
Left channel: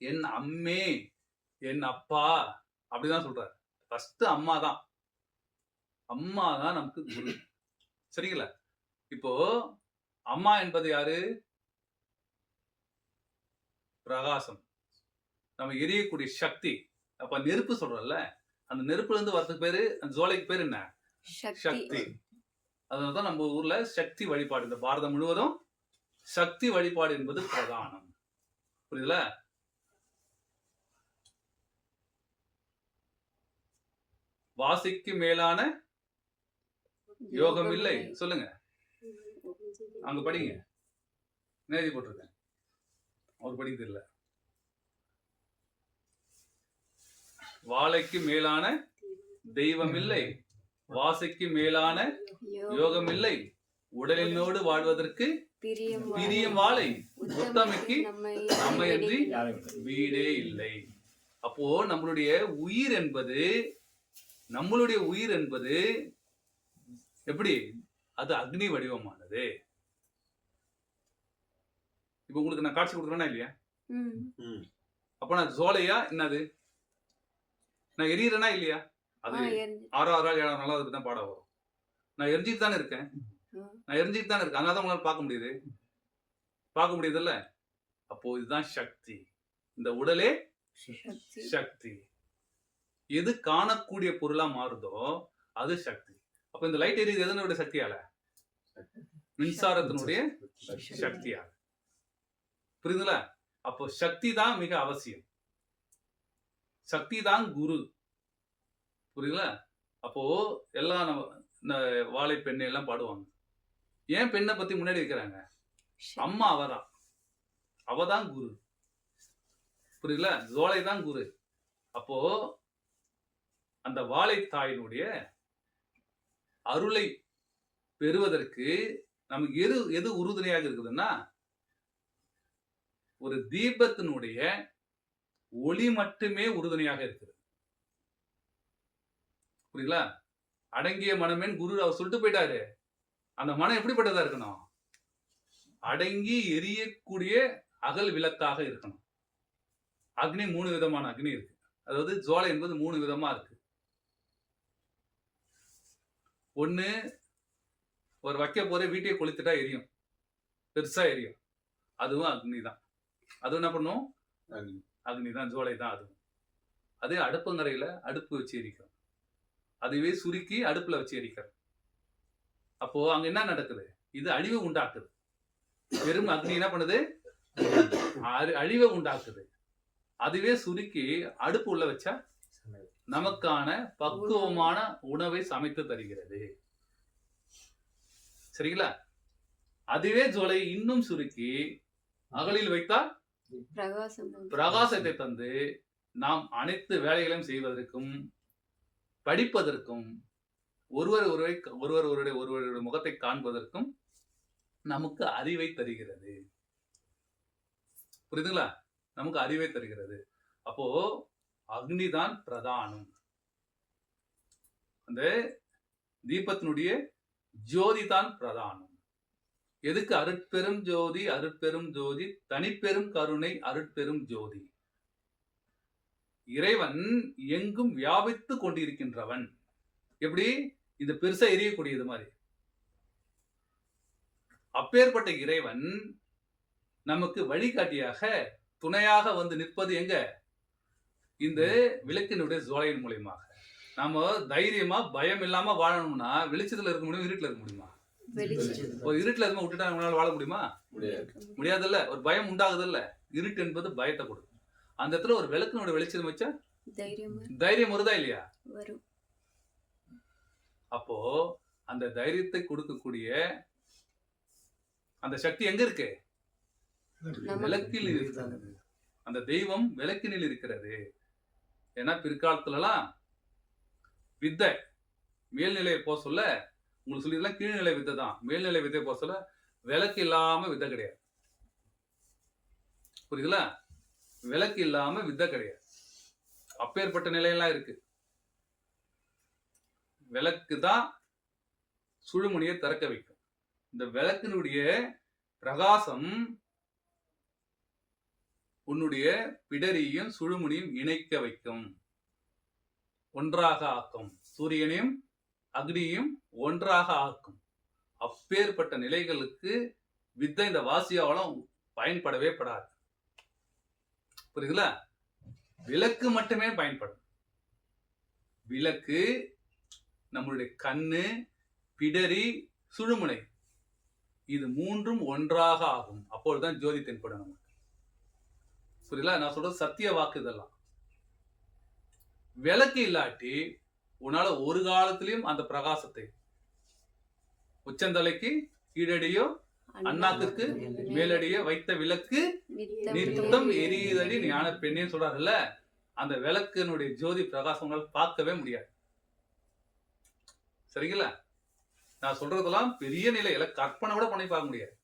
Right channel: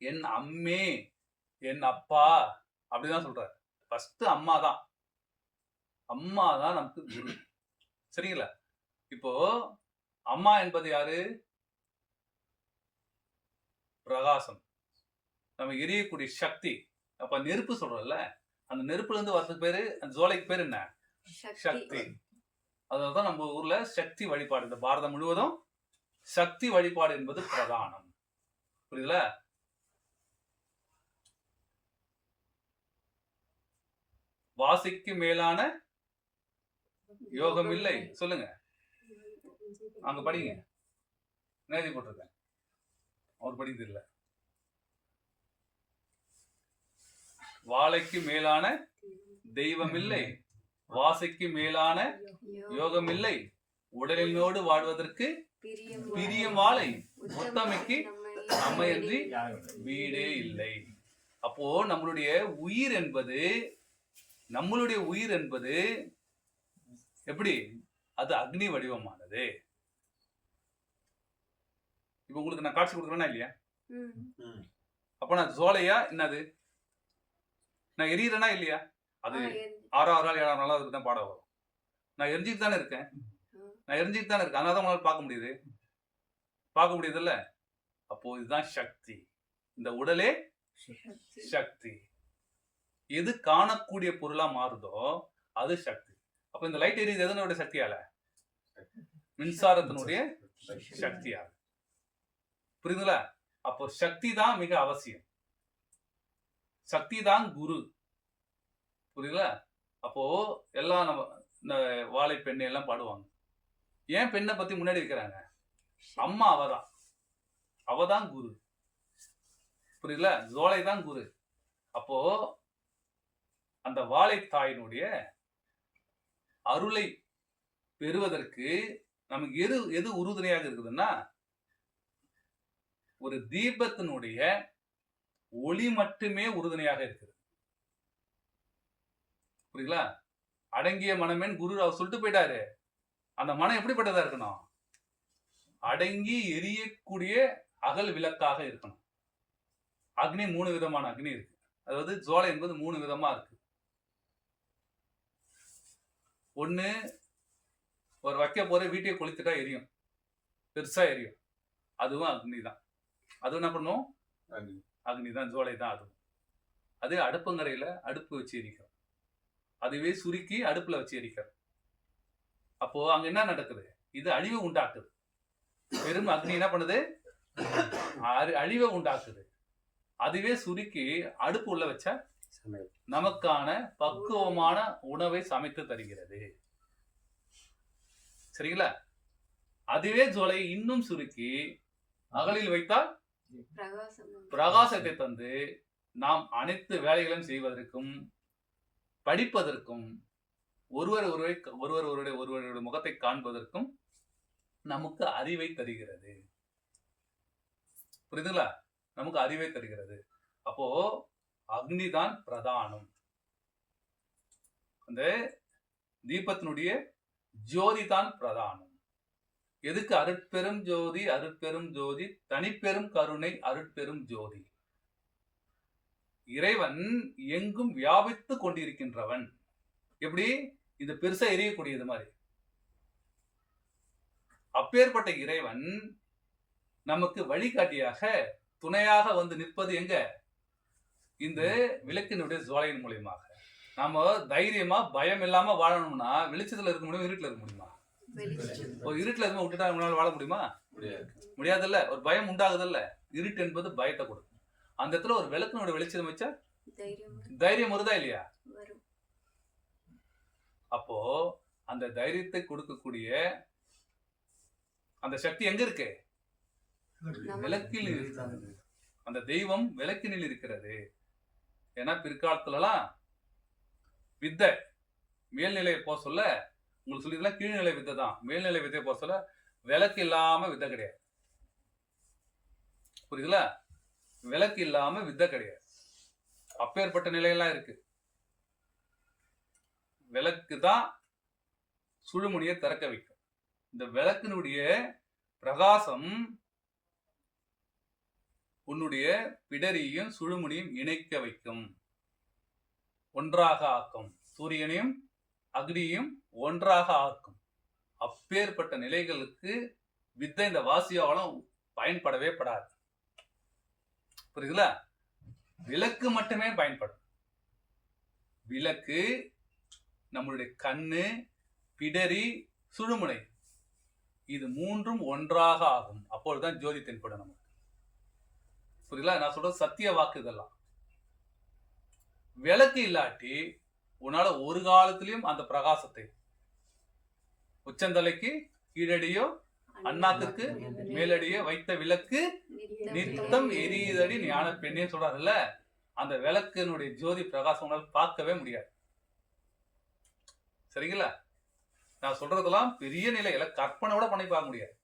என் அம்மே, என் அப்பா அப்படிதான் சொல்றாரு. ஃபர்ஸ்ட் அம்மா தான். அம்மா தான் நமக்கு குரு. சரிங்களா? இப்போ அம்மா என்பது யாரு? பிரகாசம், நம்ம எரியக்கூடிய சக்தி. அப்ப நெருப்பு சொல்றோம்ல, அந்த நெருப்புல இருந்து வரதுக்கு பேரு, அந்த ஜோலைக்கு பேர் என்ன? சக்தி. அதனாலதான் நம்ம ஊர்ல சக்தி வழிபாடு, இந்த பாரதம் முழுவதும் சக்தி வழிபாடு என்பது பிரதானம். புரியுதுல? வாசிக்கு மேலான யோகம் இல்லை. சொல்லுங்க. அங்க படிங்க, என்ன எழுதி போட்டிருக்கேன், அவர் படிக்க தெரியல. வாழைக்கு மேலான தெய்வம் இல்லை, வாசைக்கு மேலான யோகம் இல்லை, உடலினோடு வாழ்வதற்கு பிரியம் வாழை, உத்தமைக்கு நம்மையன்றி வீடே இல்லை. அப்போ நம்மளுடைய உயிர் என்பது எப்படி, அது அக்னி வடிவமானது. இப்ப உங்களுக்கு நான் காட்சி கொடுக்குறேன்னா இல்லையா? அப்ப நான் ஜோலையா என்னது, நான் எரியறேனா இல்லையா? அது 6ஆவது நாள் 7ஆவது நாள் அதுக்கு தான் பாடம் வரும். நான் எரிஞ்சிட்டு தானே இருக்கேன், அதனால தான் உங்களால் பார்க்க முடியுதுல்ல. அப்போ இதுதான் சக்தி. இந்த உடலே சக்தி. எது காணக்கூடிய பொருளா மாறுதோ அது சக்தி. அப்ப இந்த லைட் எரியுது எதனுடைய சக்தியால? மின்சாரத்தினுடைய சக்தியால. புரியுதுங்களா? அப்போ சக்தி தான் மிக அவசியம், சக்தி தான் குரு. புரியுதுங்களா? அப்போ எல்லாம் நம்ம இந்த வாழை பெண்ணை எல்லாம் பாடுவாங்க. ஏன் பெண்ணை பத்தி முன்னாடி வைக்கிறாங்க? அம்மா அவதான் குரு. புரியுதுல? ஜோலை தான் குரு. அப்போ அந்த வாழை தாயினுடைய அருளை பெறுவதற்கு நமக்கு எது உறுதுணையாக இருக்குதுன்னா, ஒரு தீபத்தினுடைய ஒளி மட்டுமே உறுதுணையாக இருக்குது. புரியுங்களா? அடங்கிய மனமேன் குரு அவர் சொல்லிட்டு போயிட்டாரு. அந்த மனம் எப்படிப்பட்டதா இருக்கணும்? அடங்கி எரியக்கூடிய அகல் விளக்காக இருக்கணும். அக்னி 3 விதமான அக்னி இருக்கு. அதாவது ஜுவாலை என்பது 3 விதமா இருக்கு. ஒண்ணு, ஒரு வைக்க போற வீட்டையே கொளுத்துட்டா எரியும், பெருசா எரியும், அதுவும் அக்னி தான். அது என்ன பண்ணும்? அக்னி தான், ஜுவாலை தான். அதுவும் அது அடுப்பங்கரையில அடுப்பு வச்சு எரிக்கிறோம், அதுவே சுருக்கி அடுப்புல வச்சு எரிக்கிறோம். அப்போ அங்க என்ன நடக்குது? இது அழிவு உண்டாக்குது. வெறும் அக்னி என்ன பண்ணுது? அழிவை உண்டாக்குது. அதுவே சுருக்கி அடுப்பு உள்ள வச்சா நமக்கான பக்குவமான உணவை சமைத்து தருகிறது. சரிங்களா? அதுவே ஜுவாலை இன்னும் சுருக்கி அகலில் வைத்தால் பிரகாசத்தை தந்து நாம் அனைத்து வேலைகளையும் செய்வதற்கும் படிப்பதற்கும் ஒருவருடைய முகத்தை காண்பதற்கும் நமக்கு அறிவை தருகிறது. புரியுதுங்களா? நமக்கு அறிவை தருகிறது. அப்போ அக்னி தான் பிரதானம். அந்த தீபத்தினுடைய ஜோதி தான் பிரதானம். எதுக்கு? அருட்பெரும் ஜோதி, அருட்பெரும் ஜோதி, தனிப்பெரும் கருணை, அருட்பெரும் ஜோதி. இறைவன் எங்கும் வியாபித்து கொண்டிருக்கின்றவன். எப்படி? இது பெருசா எரியக்கூடியது மாதிரி. அப்பேற்பட்ட இறைவன் நமக்கு வழிகாட்டியாக துணையாக வந்து நிற்பது எங்க? இந்த விளக்கினுடைய ஜுவாலையின் மூலியமாக. நாம தைரியமா பயம் இல்லாம வாழணும்னா வெளிச்சத்துல இருக்க முடியும், இருட்டுல இருக்க முடியுமா? ஒரு இருட்டுல எதுவுமே விட்டுட்டா நம்மளால வாழ முடியுமா? முடியாதுல்ல. ஒரு பயம் உண்டாகுதுல்ல. இருட்டு என்பது பயத்தை கொடுக்கும். அந்த இடத்துல ஒரு விளக்கினுடைய வெளிச்சம் வச்சா தைரியம் வருதா இல்லையா? அப்போ அந்த தைரியத்தை கொடுக்கக்கூடிய அந்த சக்தி எங்க இருக்கு? விளக்கில் இருக்கிறது. அந்த தெய்வம் விளக்கினில் இருக்கிறது. ஏன்னா பிற்காலத்துலலாம் வித்தை மேல்நிலையை போக சொல்ல, உங்களுக்கு சொல்லிக்கலாம் கீழ்நிலை வித்தை தான். மேல்நிலை வித்தையை போக சொல்ல விளக்கு இல்லாம வித்தை கிடையாது. புரியுதுல? விளக்கு இல்லாம வித்தை கிடையாது. அப்பேற்பட்ட நிலையெல்லாம் இருக்கு. விளக்கு தான் சுழுமுனியை திறக்க வைக்கும். இந்த விளக்கினுடைய பிரகாசம் உன்னுடைய பிடரியும் சுழுமுனியும் இணைக்க வைக்கும், ஒன்றாக ஆக்கும். சூரியனையும் அக்னியும் ஒன்றாக ஆக்கும். அப்பேற்பட்ட நிலைகளுக்கு வித்தை இந்த வாசியாவளம் பயன்படவே படாது. புரியுதுல? விளக்கு மட்டுமே பயன்படும். விளக்கு நம்மளுடைய கண்ணு, பிடரி, சுழுமுனை இது 3ம் ஒன்றாக ஆகும். அப்பொழுதுதான் ஜோதி தென்படும் நமக்கு. புரியல? நான் சொல்றது சத்திய வாக்கு. இதெல்லாம் விளக்கு இல்லாட்டி உன்னால ஒரு காலத்திலையும் அந்த பிரகாசத்தை உச்சந்தலைக்கு கீழடியோ அண்ணாக்குக்கு மேலடியே வைத்த விளக்கு நித்தம் எரியுதடி ஞான பெண்ணே சொல்றாருல்ல, அந்த விளக்கினுடைய ஜோதி பிரகாசம் உங்களால் பார்க்கவே முடியாது. சரிங்களா? நான் சொல்றதெல்லாம் பெரிய நிலையில கற்பனை கூட பண்ணி பார்க்க முடியாது.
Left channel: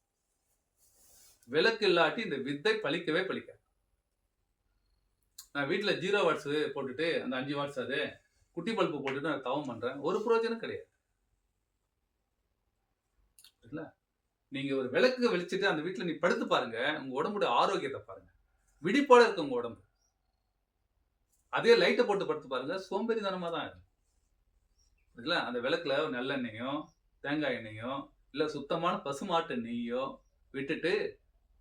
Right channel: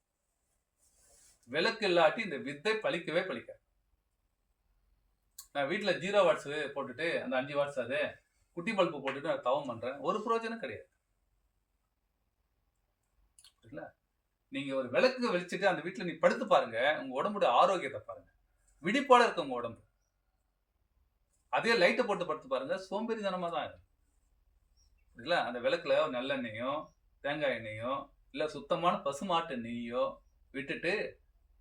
விளக்கு இல்லாட்டி இந்த வித்தை பலிக்கவே பலிக்காது. நான் வீட்டுல 0 வாட்ஸ் போட்டுட்டு அந்த 5 வாட்ஸ் அது குட்டி பல்பு போட்டுட்டு நான் தவம் பண்றேன், ஒரு பிரயோஜனம் கிடையாது. இல்ல, நீங்க ஒரு விளக்கு வெளிச்சிட்டு அந்த வீட்டுல நீ படுத்து பாருங்க, உங்க உடம்புடைய ஆரோக்கியத்தை பாருங்க, விழிப்போட இருக்கு உங்க உடம்பு. அதே லைட்டை போட்டு படுத்து பாருங்க, சோம்பேறித்தனமா தான் இருக்கும். அந்த விளக்குல நல்லெண்ணெயோ தேங்காய் எண்ணெயோ இல்ல சுத்தமான பசுமாட்டு நெய்யோ விட்டுட்டு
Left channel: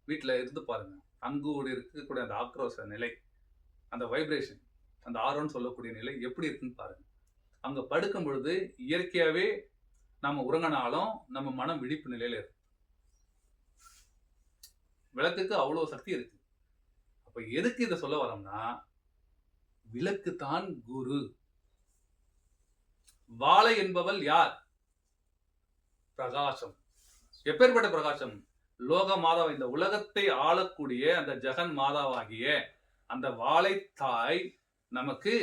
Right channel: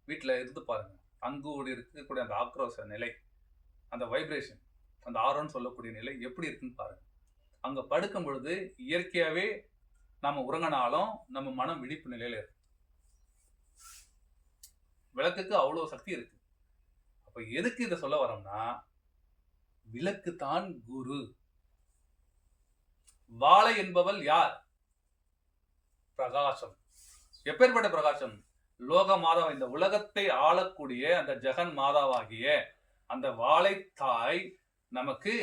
வீட்டுல இருந்து பாருங்க, அங்கு இருக்கக்கூடிய அந்த ஆக்ரோஷ நிலை, அந்த வைப்ரேஷன், அந்த ஆரோன்னு சொல்லக்கூடிய நிலை எப்படி இருக்குன்னு பாருங்க. அங்க படுக்கும் பொழுது இயற்கையாவே நம்ம உறங்கினாலும் நம்ம மனம் விழிப்பு நிலையில இருக்கு. விளக்குக்கு அவ்வளவு சக்தி இருக்கு. அப்ப எதுக்கு இதை சொல்ல வரோம்னா, விளக்கு தான் குரு. வாழை என்பவள் யார்? பிரகாசம். எப்பேற்பட்ட பிரகாசம்? லோக மாதாவா, இந்த உலகத்தை ஆளக்கூடிய அந்த ஜெகன் மாதாவாகிய அந்த வாழை தாய் நமக்கு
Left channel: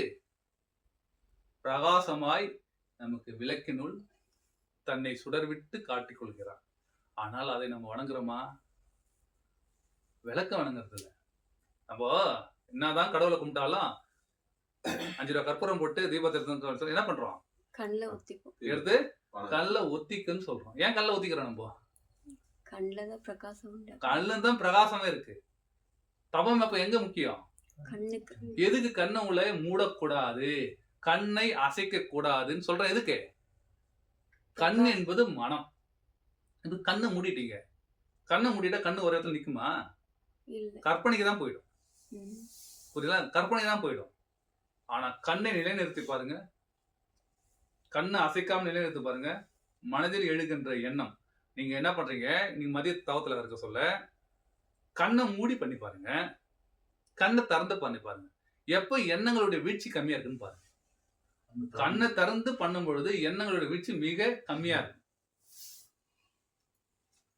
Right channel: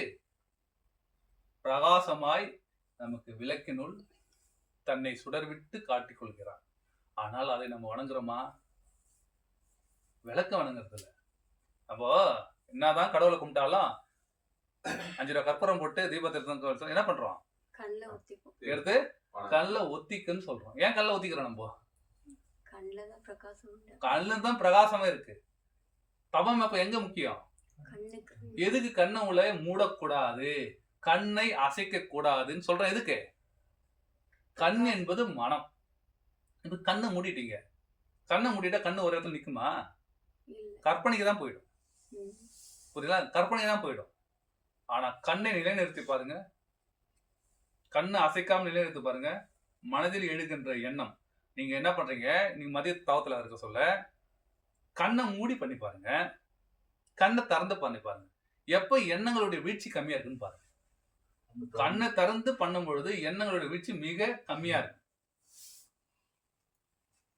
பிரகாசமாய் நமக்கு விளக்கினுள் தன்னை சுடர்விட்டு காட்டிக் கொள்கிறார். ஆனால் அதை நம்ம வணங்குறோமா? விளக்க வணங்குறது இல்லை. நம்ம என்னதான் கடவுளை கும்பிட்டாலும் 5 ரூபா கற்பூரம் போட்டு தீபத்தை என்ன பண்றோம்? எடுத்து கல்ல ஒத்திக்குன்னு சொல்றோம். ஏன் கல்ல ஒத்திக்கிறோம்? நம்ம கல்ல தான் பிரகாசமே இருக்கு. தவம் அப்ப எங்க முக்கியம்? எதுக்கு கண்ணை உள்ள மூடக்கூடாது, கண்ணை அசைக்க கூடாதுன்னு சொல்றேன். எதுக்கு? கண் என்பது மனம். இது கண்ணை மூடிட்டீங்க, கண்ணை மூடிட்டா கண்ணு ஒரு இடத்துல நிக்குமா? கற்பனைக்கு தான் போயிடும். புரியுதா? கற்பனைக்கு தான் போயிடும். ஆனா கண்ணை நிலைநிறுத்தி பாருங்க, கண்ணை அசைக்காம நிலைநிறுத்தி பாருங்க, மனதில் எழுகின்ற எண்ணம். நீங்க என்ன பண்றீங்க? நீங்க மதிய தவத்துல இருக்க சொல்ல கண்ணை மூடி பண்ணி பாருங்க, கண்ணை திறந்து பண்ணி பாருங்க, எப்ப எண்ணங்களுடைய வீழ்ச்சி கம்மியா இருக்குன்னு பாருங்க. கண்ணை திறந்து பண்ணும் பொழுது எண்ணங்களுடைய வீழ்ச்சி மிக கம்மியா இருக்கும்.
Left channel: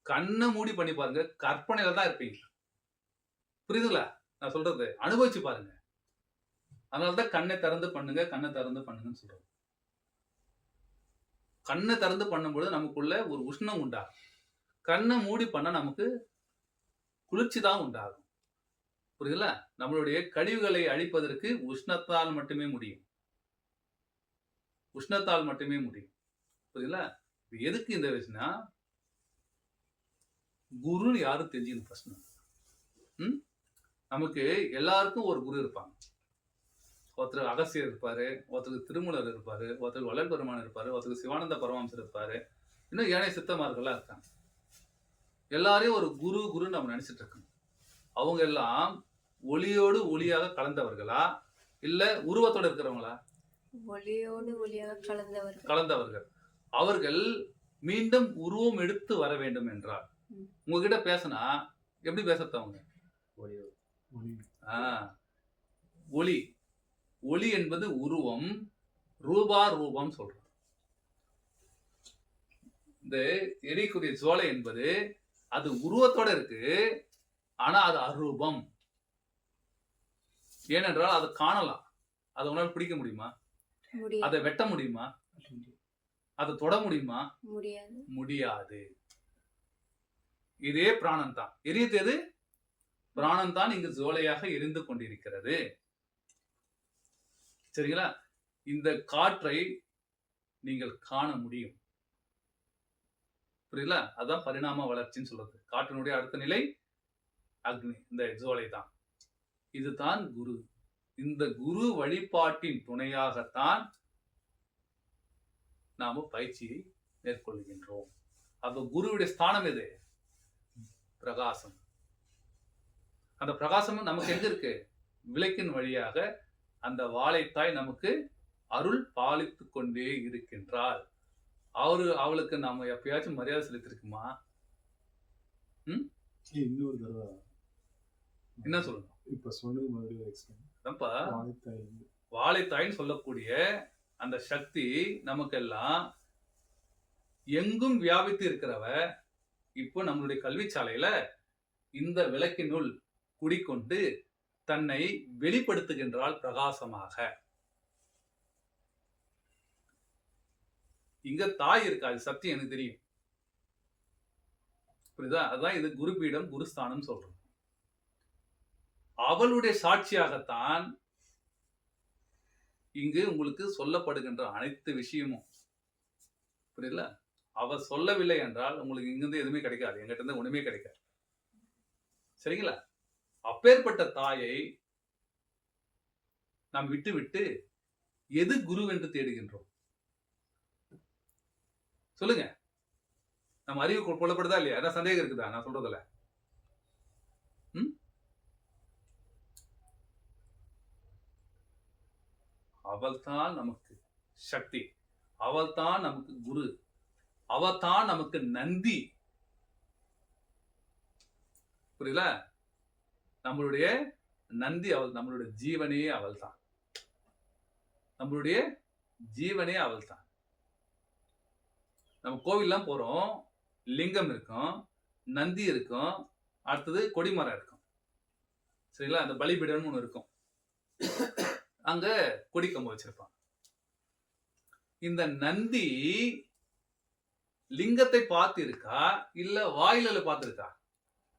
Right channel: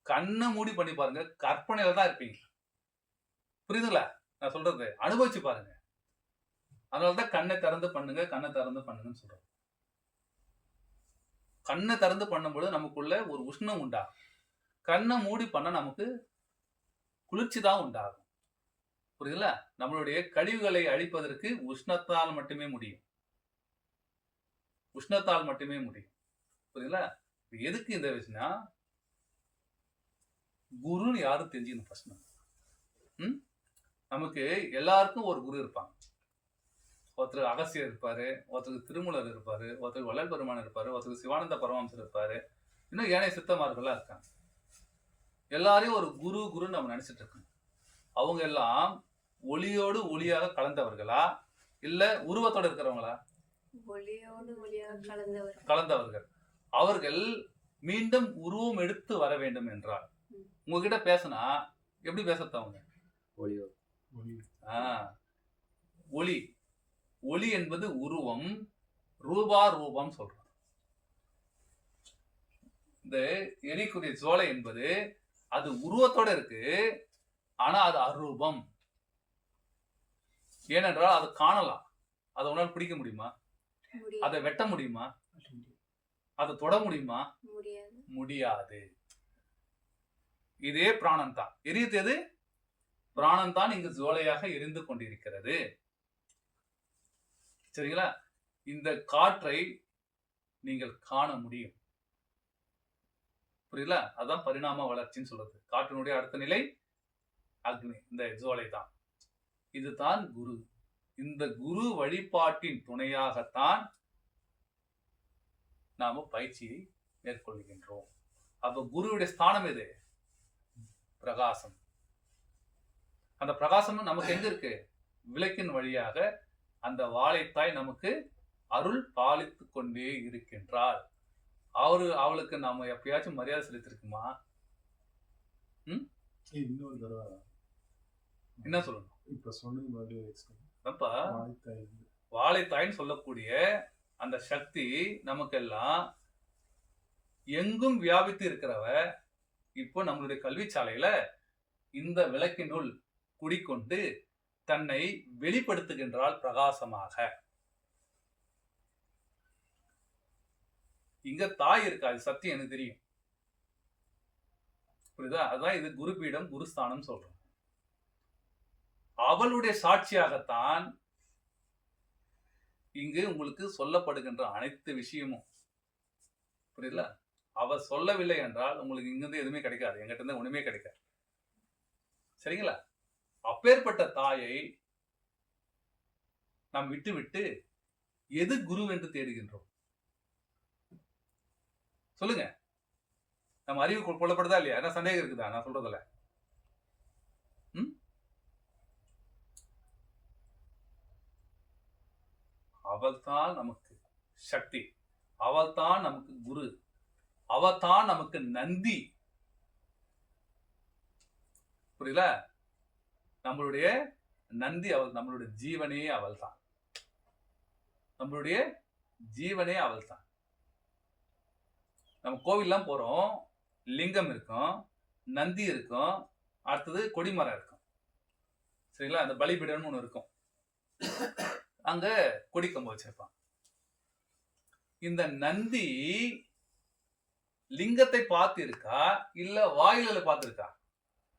கண்ணை மூடி பண்ணி பாருங்க, கற்பனையில தான் இருப்பீங்க. புரியுதுங்களா நான் சொல்றது? அனுபவிச்சு பாருங்க. அதனாலதான் கண்ணை திறந்து பண்ணுங்க, கண்ணை திறந்து பண்ணுங்கன்னு சொல்றோம். கண்ணை திறந்து பண்ணும்போது நமக்குள்ள ஒரு உஷ்ணம் உண்டாகும். கண்ணை மூடி பண்ண நமக்கு குளிர்ச்சி தான் உண்டாகும். புரியுதுல? நம்மளுடைய கழிவுகளை அழிப்பதற்கு உஷ்ணத்தால் மட்டுமே முடியும். உஷ்ணத்தால் மட்டுமே முடியும். புரியுதுல? எதுக்கு இந்த விஷயம்னா, குருன்னு யாரும் தெரிஞ்சுக்கணும் ஃபர்ஸ்ட். நமக்கு எல்லாருக்கும் ஒரு குரு இருப்பாங்க. ஒருத்தர் அகசியர் இருப்பாரு, ஒருத்தருக்கு திருமூலர் இருப்பாரு, ஒருத்தருக்கு வள்ளல் பெருமான் இருப்பாரு, ஒருத்தருக்கு சிவானந்த பரமஹம்சர் இருப்பாரு, இன்னும் ஏனைய சித்தமார்கள்லாம் இருக்காங்க. எல்லாரையும் ஒரு குரு குருன்னு நம்ம நினைச்சிட்டு இருக்கோம். அவங்க எல்லாம் ஒளியோடு ஒளியாக கலந்தவர்களா இல்ல உருவத்தோடு இருக்கிறவங்களா? ஒளியோடு ஒளியாக கலந்தவர்கள். அவர்கள் மீண்டும் உருவம் எடுத்து வர வேண்டும் என்றால் உங்ககிட்ட பேசினா எப்படி பேசுறது? அவங்க ஒளி. ஒளி என்பது உருவம், ரூபா ரூபம் சொல்றோம். இந்த எரிக்குரிய ஜோலை என்பது அது உருவத்தோட இருக்கு, ஆனா அது அரூபம். ஏனென்றால் அதை காணலாம். அதை உன்னால் பிடிக்க முடியுமா? அதை வெட்ட முடியுமா? அதை தொட முடியுமா? முடியாது. இதே பிராணன் தான். எரியுது எது? பிராணன் தான் இங்கு ஜோலையாக எரிந்து கொண்டிருக்கிறது. சரிங்களா? இந்த காற்றை நீங்கள் காண முடியும். புரியல? அதான் பரிணாம வளர்ச்சின்னு சொல்றது. காற்றினுடைய அடுத்த நிலை அக்னி, இந்த ஜோலை தான். இதுதான் குரு. இந்த குரு வழிபாட்டின் துணையாகத்தான் நாம பயிற்சியை மேற்கொள்கின்றோம். அப்ப குருவுடைய ஸ்தானம் எது? பிரகாசம். அந்த பிரகாசம் நமக்கு எங்க இருக்கு? விளக்கின் வழியாக அந்த வாழைத்தாய் நமக்கு அருள் பாலித்து கொண்டே இருக்கின்றாள். அவளுக்கு நாம எப்பயாச்சும் மரியாதை செலுத்திருக்குமா? இன்னொரு தடவை என்ன சொல்லணும்? இப்ப சொன்னது வாழைத்தாய்ன்னு சொல்லக்கூடிய அந்த சக்தி நமக்கெல்லாம் எங்கும் வியாபித்து இருக்கிறவ, இப்போ நம்மளுடைய கல்வி சாலையில இந்த விளக்கினுள் குடிக்கொண்டு தன்னை வெளிப்படுத்துகின்றால் பிரகாசமாக. இங்க தாய் இருக்கா, அது சத்தியம் எனக்கு தெரியும். புரியுதா? அதுதான் இது குருபீடம் குருஸ்தானம் சொல்றோம். அவளுடைய சாட்சியாகத்தான் இங்கு உங்களுக்கு சொல்லப்படுகின்ற அனைத்து விஷயமும். புரியல? அவ சொல்லவில்லை என்றால் உங்களுக்கு இங்கிருந்து எதுவுமே கிடைக்காது, எங்கிட்ட இருந்து ஒண்ணுமே கிடைக்காது. சரிங்களா? அப்பேற்பட்ட தாயை நாம் விட்டு விட்டு எது குரு என்று தேடுகின்றோம்? சொல்லுங்க. நம்ம அறிவு கொள்ளப்படுதா இல்லையா? என்ன சந்தேகம் இருக்குதா நான் சொல்றதுல? அவள்தான் நமக்கு சக்தி, அவள்தான் நமக்கு குரு, அவள்தான் நமக்கு நந்தி. புரியல? நம்மளுடைய நந்தி அவள், நம்மளுடைய ஜீவனே அவள் தான். நம்மளுடைய ஜீவனே அவள் தான். நம்ம கோவில்லாம் போறோம், லிங்கம் இருக்கும், நந்தி இருக்கும், அடுத்தது கொடிமரம் இருக்கும். சரிங்களா? அந்த பலிபீடம்னு ஒன்று இருக்கும், அங்க கொடிக்கம்பு வச்சிருப்பான். இந்த நந்தி லிங்கத்தை பார்த்து இருக்கா இல்ல வாயில பார்த்து இருக்கா?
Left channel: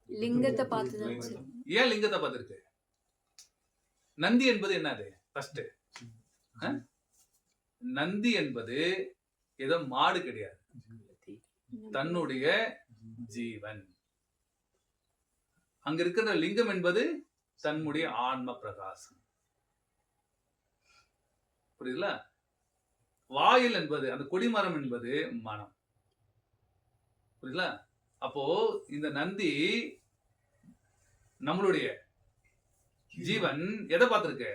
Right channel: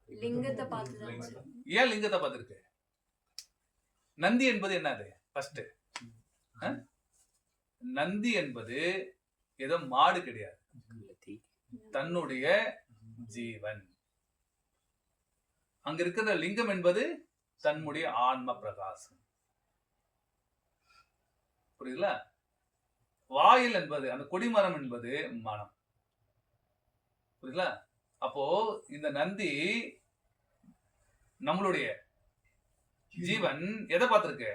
லிங்கத்தை பார்த்து. ஏன் லிங்கத்தை பார்த்து இருக்கு? நந்தி என்பது என்னது? ஃபர்ஸ்ட், நந்தி என்பது ஏதோ மாடு கிடையாது, தன்னுடைய ஜீவன். அங்க இருக்கிற லிங்கம் என்பது தன்னுடைய ஆன்ம பிரகாசம். புரியுதுல? வாயில் என்பது, அந்த கொடிமரம் என்பது மனம். புரியுதுல? அப்போ இந்த நந்தி நம்மளுடைய ஜீவன் எதை பார்த்திருக்கு?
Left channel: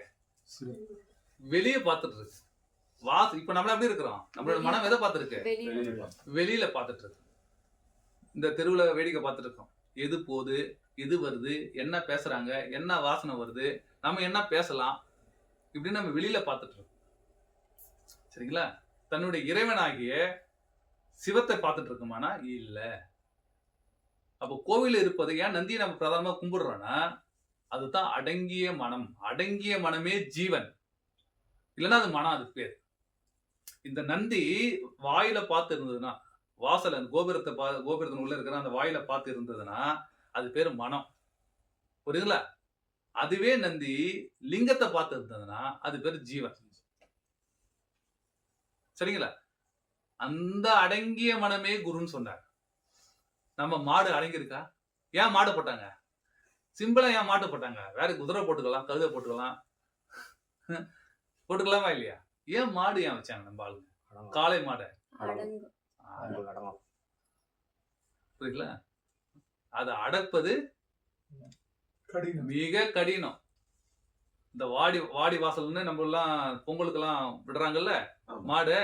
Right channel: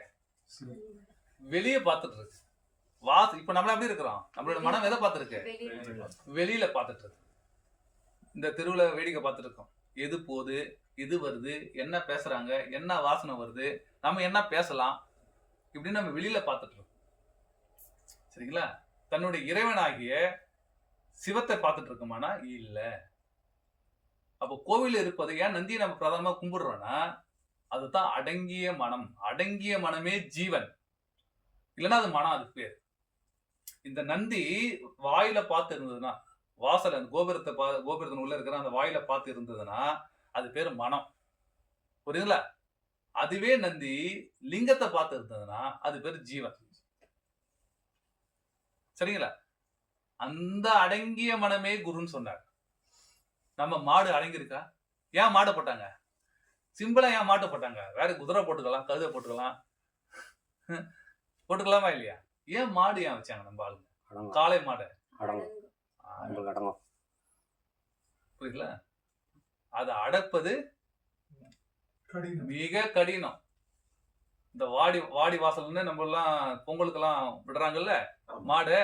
வெளியே பார்த்துட்டு இருக்கு. இப்ப நம்மள எப்படி இருக்கிறோம்? நம்மளோட மனம் எதை பார்த்திருக்கு? வெளியில பார்த்துட்டு இருக்கு. இந்த தெருவுல வேடிக்கை பார்த்துட்டு இருக்கோம். எது போகுது, எது வருது, என்ன பேசுறாங்க, என்ன வாசனை வருது, நம்ம என்ன பேசலாம், இப்படின்னு நம்ம வெளியில பார்த்துட்டு இருக்கோம். சரிங்களா? தன்னுடைய இறைவனாகிய சிவத்தை பார்த்துட்டு இருக்கோமானா இல்ல. அப்போ கோவில் இருப்பது ஏன் நந்தியை நம்ம பிரதானமா கும்பிடுறோம்னா அதுதான் அடங்கிய மனம். அடங்கிய மனமே ஜீவன், இல்லைன்னா அது மனம், அதுக்கு பேர். இந்த நந்தி வாயில பார்த்து இருந்ததுன்னா, வாசல் அந்த கோபுரத்தின் உள்ள இருக்கிற அந்த வாயில பார்த்து இருந்ததுன்னா அது பேர் மனம். புரியுதுங்களா? அதுவே நந்தி லிங்கத்தை பார்த்து இருந்ததுன்னா அது பேர் ஜீவன். சரிங்களா? அந்த அடங்கிய மனமே குருன்னு சொன்னார். நம்ம மாடு அடங்கி இருக்கா? ஏன் மாடு போட்டாங்க? சிம்பிளா ஏன் மாட்டு போட்டாங்க? வேற குதிரை போட்டுக்கலாம், கழுதை போட்டுக்கலாம், போட்டுக்கலாமா இல்லையா? ஏன் மாடு ஏன் வச்சாங்க நம்ம ஆளுங்க? காளை மாடை. புரியல? அதை அடப்பது மிக கடினம். இந்த வாடி வாசல்னு நம்ம எல்லாம் பொங்கலுக்கெல்லாம் விடுறாங்கல்ல மாடு,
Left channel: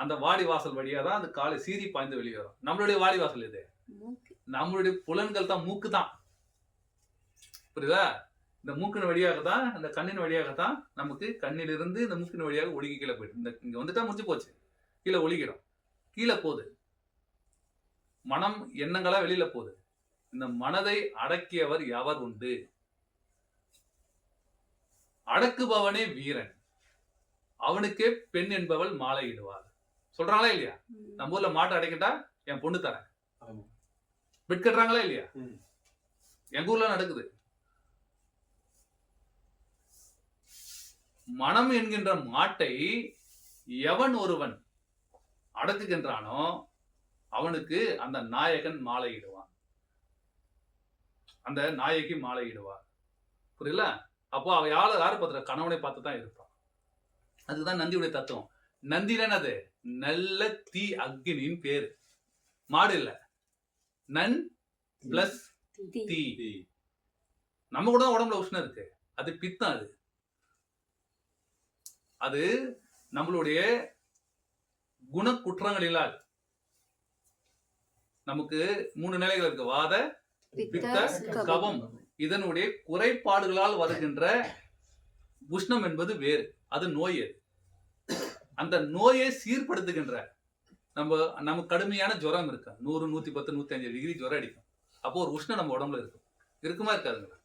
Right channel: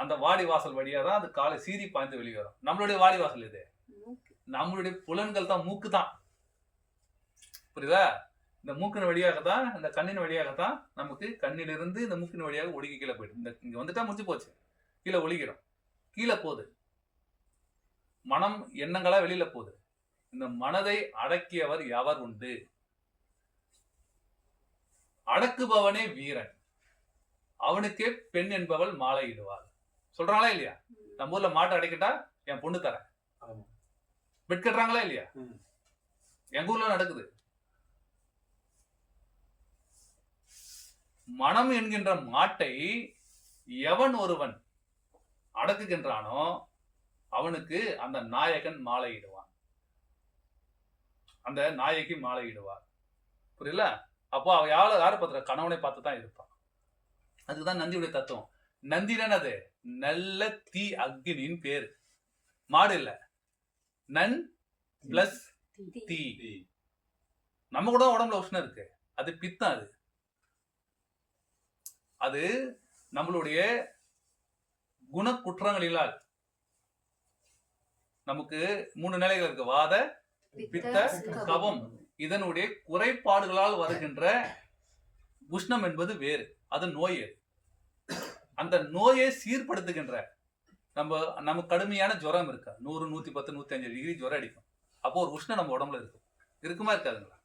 அந்த வாடி வாசல் வழியா தான் அது காலை சீறி பாய்ந்து வெளியே வரும். நம்மளுடைய வாடி வாசல் இது, நம்மளுடைய புலன்கள் தான், மூக்கு தான். புரியுதா? இந்த மூக்கின் வழியாகத்தான், இந்த கண்ணின் வழியாகத்தான் நமக்கு கண்ணிலிருந்து இந்த மூக்கின் வழியாக ஒழுகி கீழே போயிட்டு, இந்த இங்க வந்துட்டா முடிஞ்சு போச்சு, கீழே ஒழுகிடும். கீழே போகுது மனம், எண்ணங்களா வெளியில போகுது. இந்த மனதை அடக்கியவர் எவர் உண்டு? அடக்குபவனே வீரன், அவனுக்கே பெண் என்பவள் மாலையிடுவாள். சொல்றாங்களா இல்லையா? நம்ம ஊர்ல மாட்டை அடைக்கிட்டா என் பொண்ணு தரேன், பெட் கட்டுறாங்களா இல்லையா? எங்க ஊர்ல நடக்குது. மனம் என்கின்ற மாட்டை எவன் ஒருவன் அடக்குகின்றானோ அவனுக்கு அந்த நாயகன் மாலையிடுவான், அந்த நாயகி மாலையிடுவார். புரியல? அப்போ அவ யாரு பார்த்துற? கணவனை பார்த்து தான் இருப்பான். அதுதான் நந்தியுடைய தத்துவம். நந்தினா அது நல்ல தீ, அக்னியின் பேரு. மாடு இல்ல, நன் பிளஸ் தீ. நம்ம கூட உடம்புல உஷ்ணம் இருக்கு, அது பித்தம். அது நம்மளுடைய குண குற்றங்களினால் நமக்கு 3 நிலைகள் இருக்கு: வாத, பித்த, கபம். இதனுடைய குறைபாடுகளால் வருகின்ற உஷ்ணம் என்பது வேறு, அது நோய். அந்த நோயை சீர்படுத்துகின்ற நமக்கு கடுமையான ஜுரம் இருக்கு, 100, 110, 105 டிகிரி ஜுரம் அடிக்கும். அப்போ ஒரு உஷ்ணம் நம்ம உடம்புல இருக்குமா இருக்காதுங்களா?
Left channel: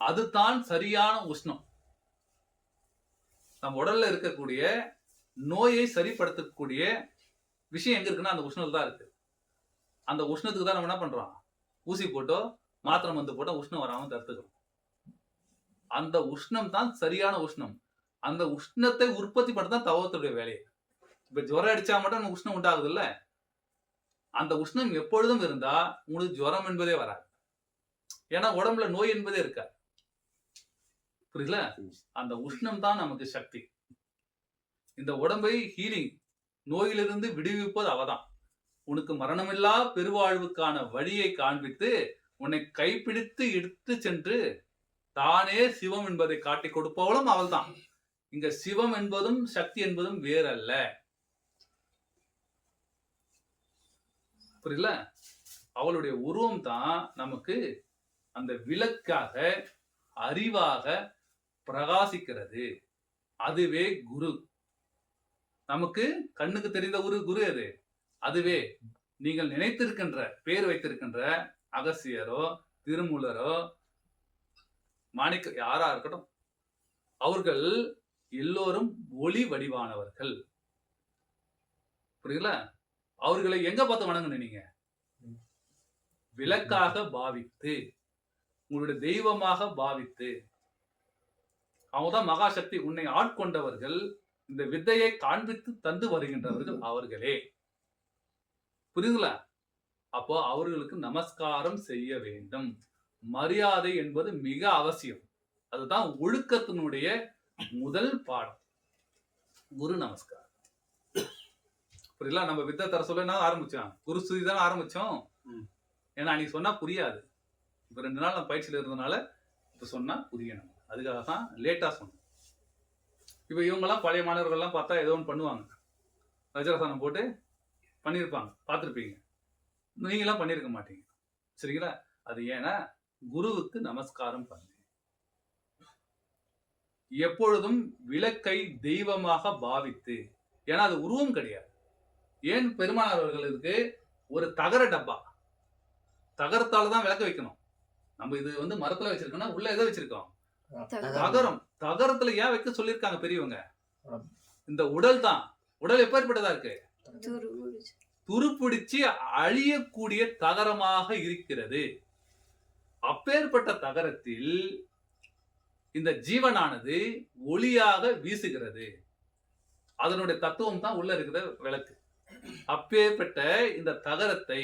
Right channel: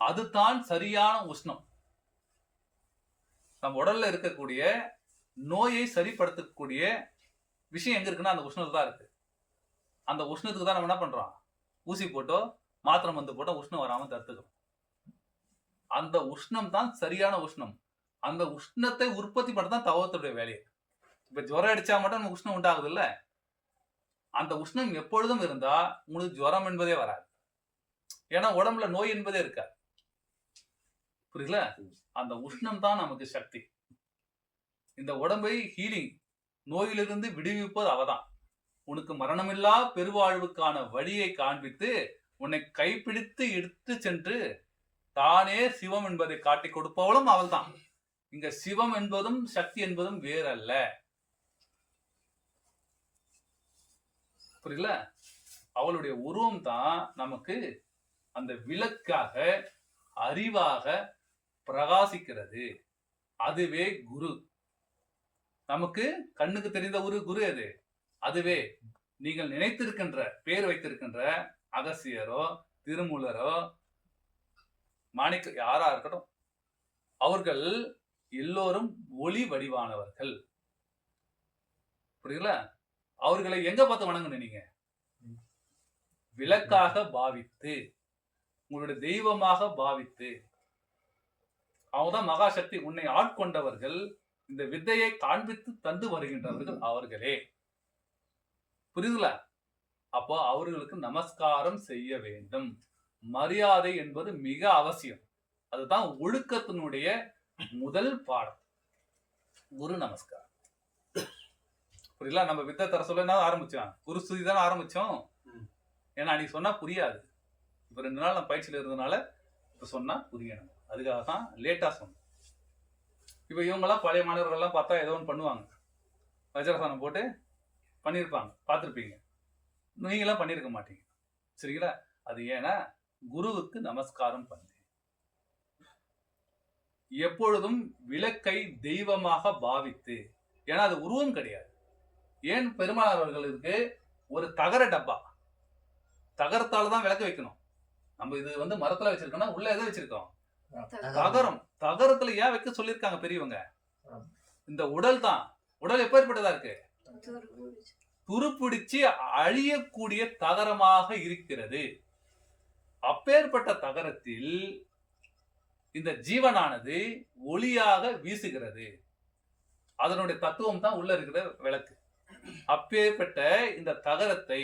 அதுதான் சரியான உஷ்ணம். நம்ம உடல்ல இருக்கக்கூடிய நோயை சரிப்படுத்தக்கூடிய விஷயம் எங்க இருக்குன்னா அந்த உஷ்ணத்துல தான் இருக்கு. அந்த உஷ்ணத்துக்கு தான் நம்ம என்ன பண்றோம், ஊசி போட்டோ மாத்திரை மருந்து போட்டோ உஷ்ணம் வராம தடுத்துக்கிறோம். அந்த உஷ்ணம் தான் சரியான உஷ்ணம். அந்த உஷ்ணத்தை உற்பத்தி பண்ண தான் தவத்துடைய வேலையை. இப்ப ஜுரம் அடிச்சா மட்டும் நமக்கு உஷ்ணம் உண்டாகுது இல்ல, அந்த உஷ்ணம் எப்பொழுதும் இருந்தா உங்களுக்கு ஜுரம் என்பதே வராது. ஏன்னா உடம்புல நோய் என்பதே இருக்காது. புரியல? அந்த உஷ்ணம் தான் நமக்கு சக்தி. இந்த உடம்பை ஹீலிங், நோயிலிருந்து விடுவிப்பது அவதான். உனக்கு மரணமில்லா பெருவாழ்வுக்கான வழியை காண்பித்து உன்னை கைப்பிடித்து எடுத்து சென்று தானே சிவம் என்பதை காட்டி கொடுப்பவளும் அவள்தான். இங்க சிவம் என்பதும் சக்தி என்பதும் வேறல்ல. புரியல? அவளுடைய உருவம் தான் நமக்கு அந்த விளக்காக அறிவாக பிரகாசிக்கிறது. அதுவே குரு. நமக்கு கண்ணுக்கு தெரிந்த ஒரு குரு அது. அதுவே நீங்கள் நினைத்திருக்கின்ற பேர் வைத்திருக்கின்ற அகசியரோ திருமூலரோ மாணிக்க யாரா இருக்கட்டும், அவர்கள் எல்லோரும் ஒளி வடிவானவர்கள். புரியல? அவர்களை எங்க பார்த்து வணங்கணும் நீங்க? விளக்காக பாவித்து, உங்களுடைய தெய்வமாக பாவித்து. அவங்கதான் மகாசக்தி. உன்னை ஆட்கொண்டவர்கள், இந்த வித்தையை காண்பித்து தந்து வருகின்றவர்கள் அவர்களே. புரியுதுல? அப்போ அவர்களுக்கு நமஸ்காரம் செய்ய வேண்டும். மரியாதை என்பது மிக அவசியம். அதுதான் ஒழுக்கத்தினுடைய முதல் பாடம். குரு நமஸ்காரம். புரியல? நம்ம வித்தை தர சொல்ல என்ன ஆரம்பிச்சோம்? குரு ஸ்துதி தானே ஆரம்பிச்சோம். ஏன்னா அன்னைக்கு சொன்னா புரியாது. இப்ப 2 நாள் நம்ம பயிற்சியில இருந்ததுனால இப்ப சொன்னா புரியணும். அதுக்காக தான் லேட்டா சொன்னோம். இப்ப இவங்கெல்லாம் பழைய மாணவர்கள்லாம் பார்த்தா ஏதோ ஒன்று பண்ணுவாங்க. வஜ்ராசனம் போட்டு பண்ணியிருப்பாங்க, பார்த்துருப்பீங்க. நீங்களாம் பண்ணியிருக்க மாட்டீங்க. சரிங்களா? அது ஏன்னா குருவுக்கு நமஸ்காரம் பண்ணு. எப்பொழுதும் விளக்கை தெய்வமாக பாவித்து. ஏன்னா அது உருவம் கிடையாது. ஏன் பெருமானார் அவர்களுக்கு ஒரு தகர டப்பா, தகரத்தால தான் விளக்க வைக்கணும். நம்ம இது வந்து மரத்துல வச்சிருக்கோம்னா உள்ள எதை வச்சிருக்கோம்? தகரம். தகரத்துல ஏன் வைக்க சொல்லியிருக்காங்க பெரியவங்க? இந்த உடல் தான். உடல் எப்பேற்பட்டதா இருக்கு? துருப்பிடிச்சு அழியக்கூடிய தகரமாக இருக்கிறது. அப்பேற்பட்ட தகரத்தில் இந்த ஜீவனானது ஒளியாக வீசுகிறது. அதனுடைய தத்துவம் தான் உள்ள இருக்கிற விளக்கு. அப்பேற்பட்ட இந்த தகரத்தை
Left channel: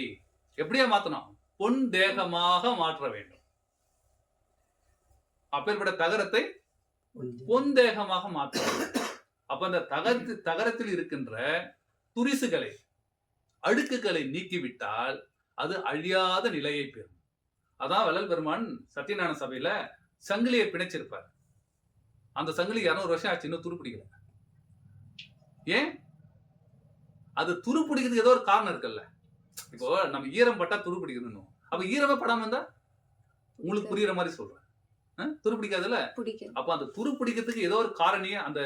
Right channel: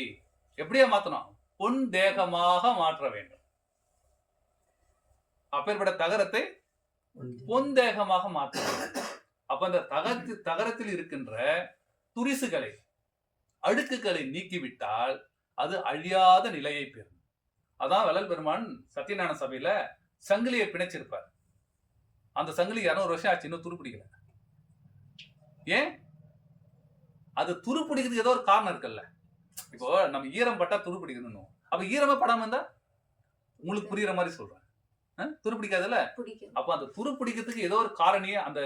எப்படியா மாத்தணும்? பொன் தேகமாக மாற்ற வேண்டும். அப்பேற்பட்ட தகரத்தை பொன் தேகமாக மாற்ற வேண்டும். அப்ப அந்த தகரத்தில் இருக்கின்ற துரிசுகளை, அழுக்குகளை நீக்கிவிட்டால் அது அழியாத நிலையை பெறும். அதான் வள்ளல் பெருமான் சத்தியஞான சபையில சங்கிலியை பிணைச்சிருப்பார். அந்த சங்கிலி 200 வருஷம் ஆச்சு, இன்னும் துருப்பிடிக்கல. ஏன்? அது துருப்பிடிக்கிறதுக்கு ஏதோ ஒரு காரணம் இருக்குல்ல. இப்போ நம்ம ஈரம் பட்டா துருப்பிடிக்கணும். அப்ப ஈரமே படாம இருந்தா உங்களுக்கு புரியுற மாதிரி சொல்றேன். துருப்பிடிக்காதுல்ல? அப்ப அந்த துருப்பிடிக்கிறதுக்கு ஏதோ ஒரு காரணியே அந்த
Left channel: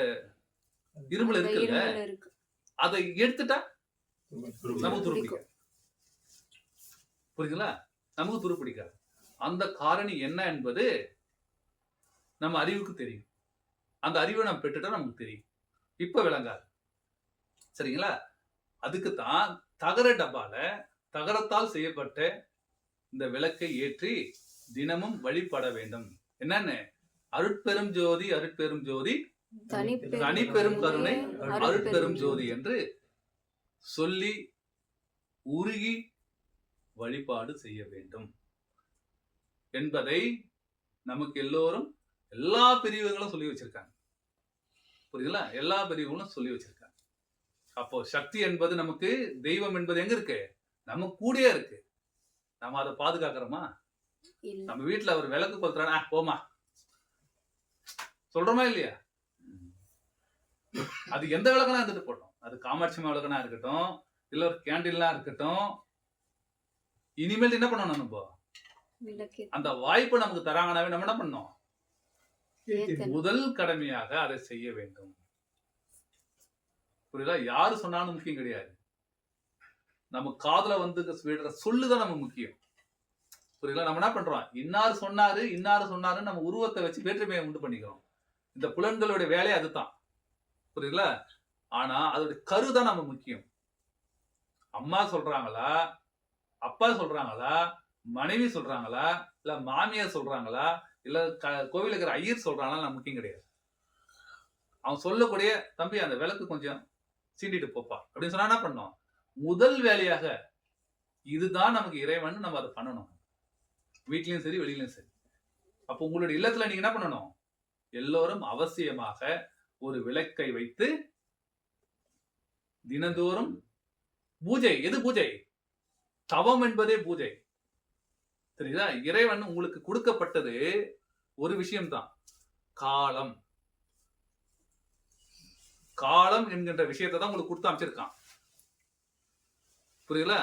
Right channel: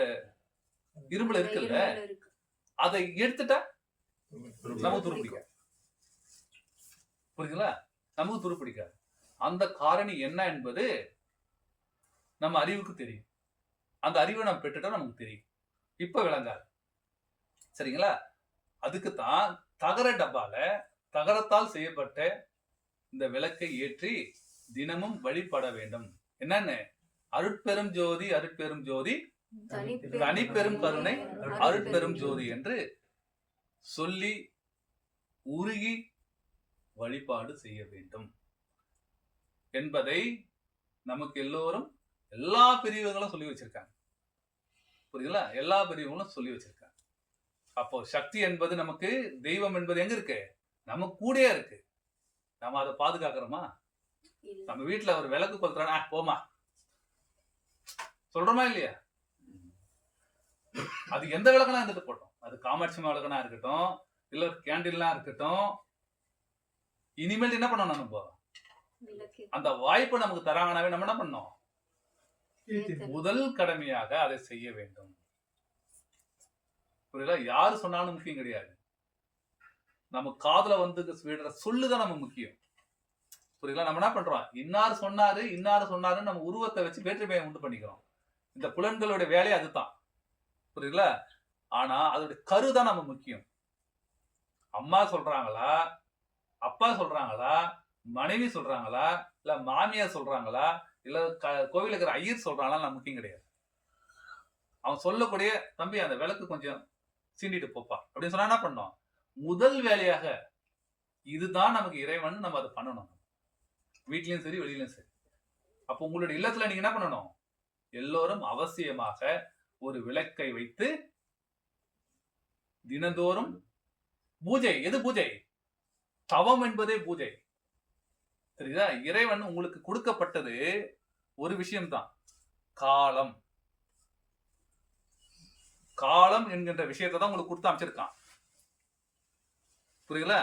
இரும்புல இருக்குல்ல, அதை எடுத்துட்டா நமக்கு துருப்பிடிக்காது. புரியுதுங்களா? நமக்கு துருப்பிடிக்காது. அந்த காரணி என்ன என்பது நம்ம அறிவுக்கு தெரியும். அந்த அறிவை நம்ம பெற்றுட்டா நமக்கு தெரியும். இப்ப விளங்காது. சரிங்களா? அதுக்குத்தான் தகர டப்பால தகரத்தால் செய்யப்பட்ட இந்த விளக்கை ஏற்றி தினமும் வழிபட வேண்டும். என்னன்னு? அருட்பெரும் ஜோதி, அருட்பெரும் ஜோதி, தனிப்பெரும் கருணை, அருட்பெரும் ஜோதி என்று சொல்லி உருகி வழிபாடு செய்ய வேண்டும் என்பதை நமக்கு எல்லோரும், எல்லா பிரிவுகளும் சொல்லி வச்சிருக்காங்க. புரியுதுல? எல்லா பிரிவுகளும் சொல்லி வச்சிருக்காங்க. அப்போ சக்தி என்பது நமக்கு, தெய்வம் என்பது எங்க இருக்கு? நம்ம கூடயே இருக்கு. நம்ம அதை பாதுகாக்கிறோமா? நம்ம வீட்டுல ஒரு விளக்கு கொளுத்துறானா, போமா சொல்றோமா இல்லையா? அது எந்த விளக்கனா இருந்துட்டு போட்டோம். அது காமாட்சி விளக்கனா இருக்கட்டும், இல்ல ஒரு கேண்டில்லாம் இருக்கட்டும். இனிமேல் என்ன பண்ணணும்? நம்ம அந்த வாய்ப்பு நமக்கு தராங்கனாவே நம்ம என்ன பண்ணோம்? முதல் கடமையாக அதை செய்ய வேண்டும். புரியல? யாரு சொன்னாலும் முக்கியம் கிடையாது. நம்ம காதுல வந்து விடுற சொல்லுதான் நம்ம முக்கியம். புரியல? நம்ம என்ன பண்றோம், இன்னார் சொன்னாருன்னு நம்ம உருவத்தை வச்சு வேற்றுமையை உண்டு பண்ணிக்கிறோம். இந்த புலன்களுடைய வேலை அதுதான். புரியல? ஆனா அதோட கருதான் நம்ம முக்கியம். அம்மா சொல்றாங்களா, அப்பா சொல்றாங்களா, மனைவி சொல்றாங்களா, இல்ல மாமியார் சொல்றாங்களா, இல்ல கோவில இருக்கிற ஐயர் சொல்றாங்களா, நம்ம முக்கியம் கிடையாது. அவன் சொல்லக்கூடிய தம்பி அந்த விளக்கு கொஞ்சம் சீண்டிட்டு போப்பா அப்படின்னு சொன்னா என்ன பண்ணோம், முதல் வேலையாக இதுதான் நமக்கு இறைவன், நம்ம அதை பண்ணணும். வீட்லயும் சரி வெளியிலயும் சரி. அப்போ உங்களுடைய இல்லத்துல நீங்க என்ன பண்ணணும், எல்லோரும் அவசியமாக ஒரு விளக்கை வைத்து தினந்தோறும் பூஜை. எது பூஜை? தவம் என்பதே பூஜை. சரிதா? இறைவன் உங்களுக்கு கொடுக்கப்பட்டது ஒரு விஷயம்தான், காலம். காலம் என்கின்ற விஷயத்தை தான் உங்களுக்கு கொடுத்து அமைச்சிருக்கான். புரியல?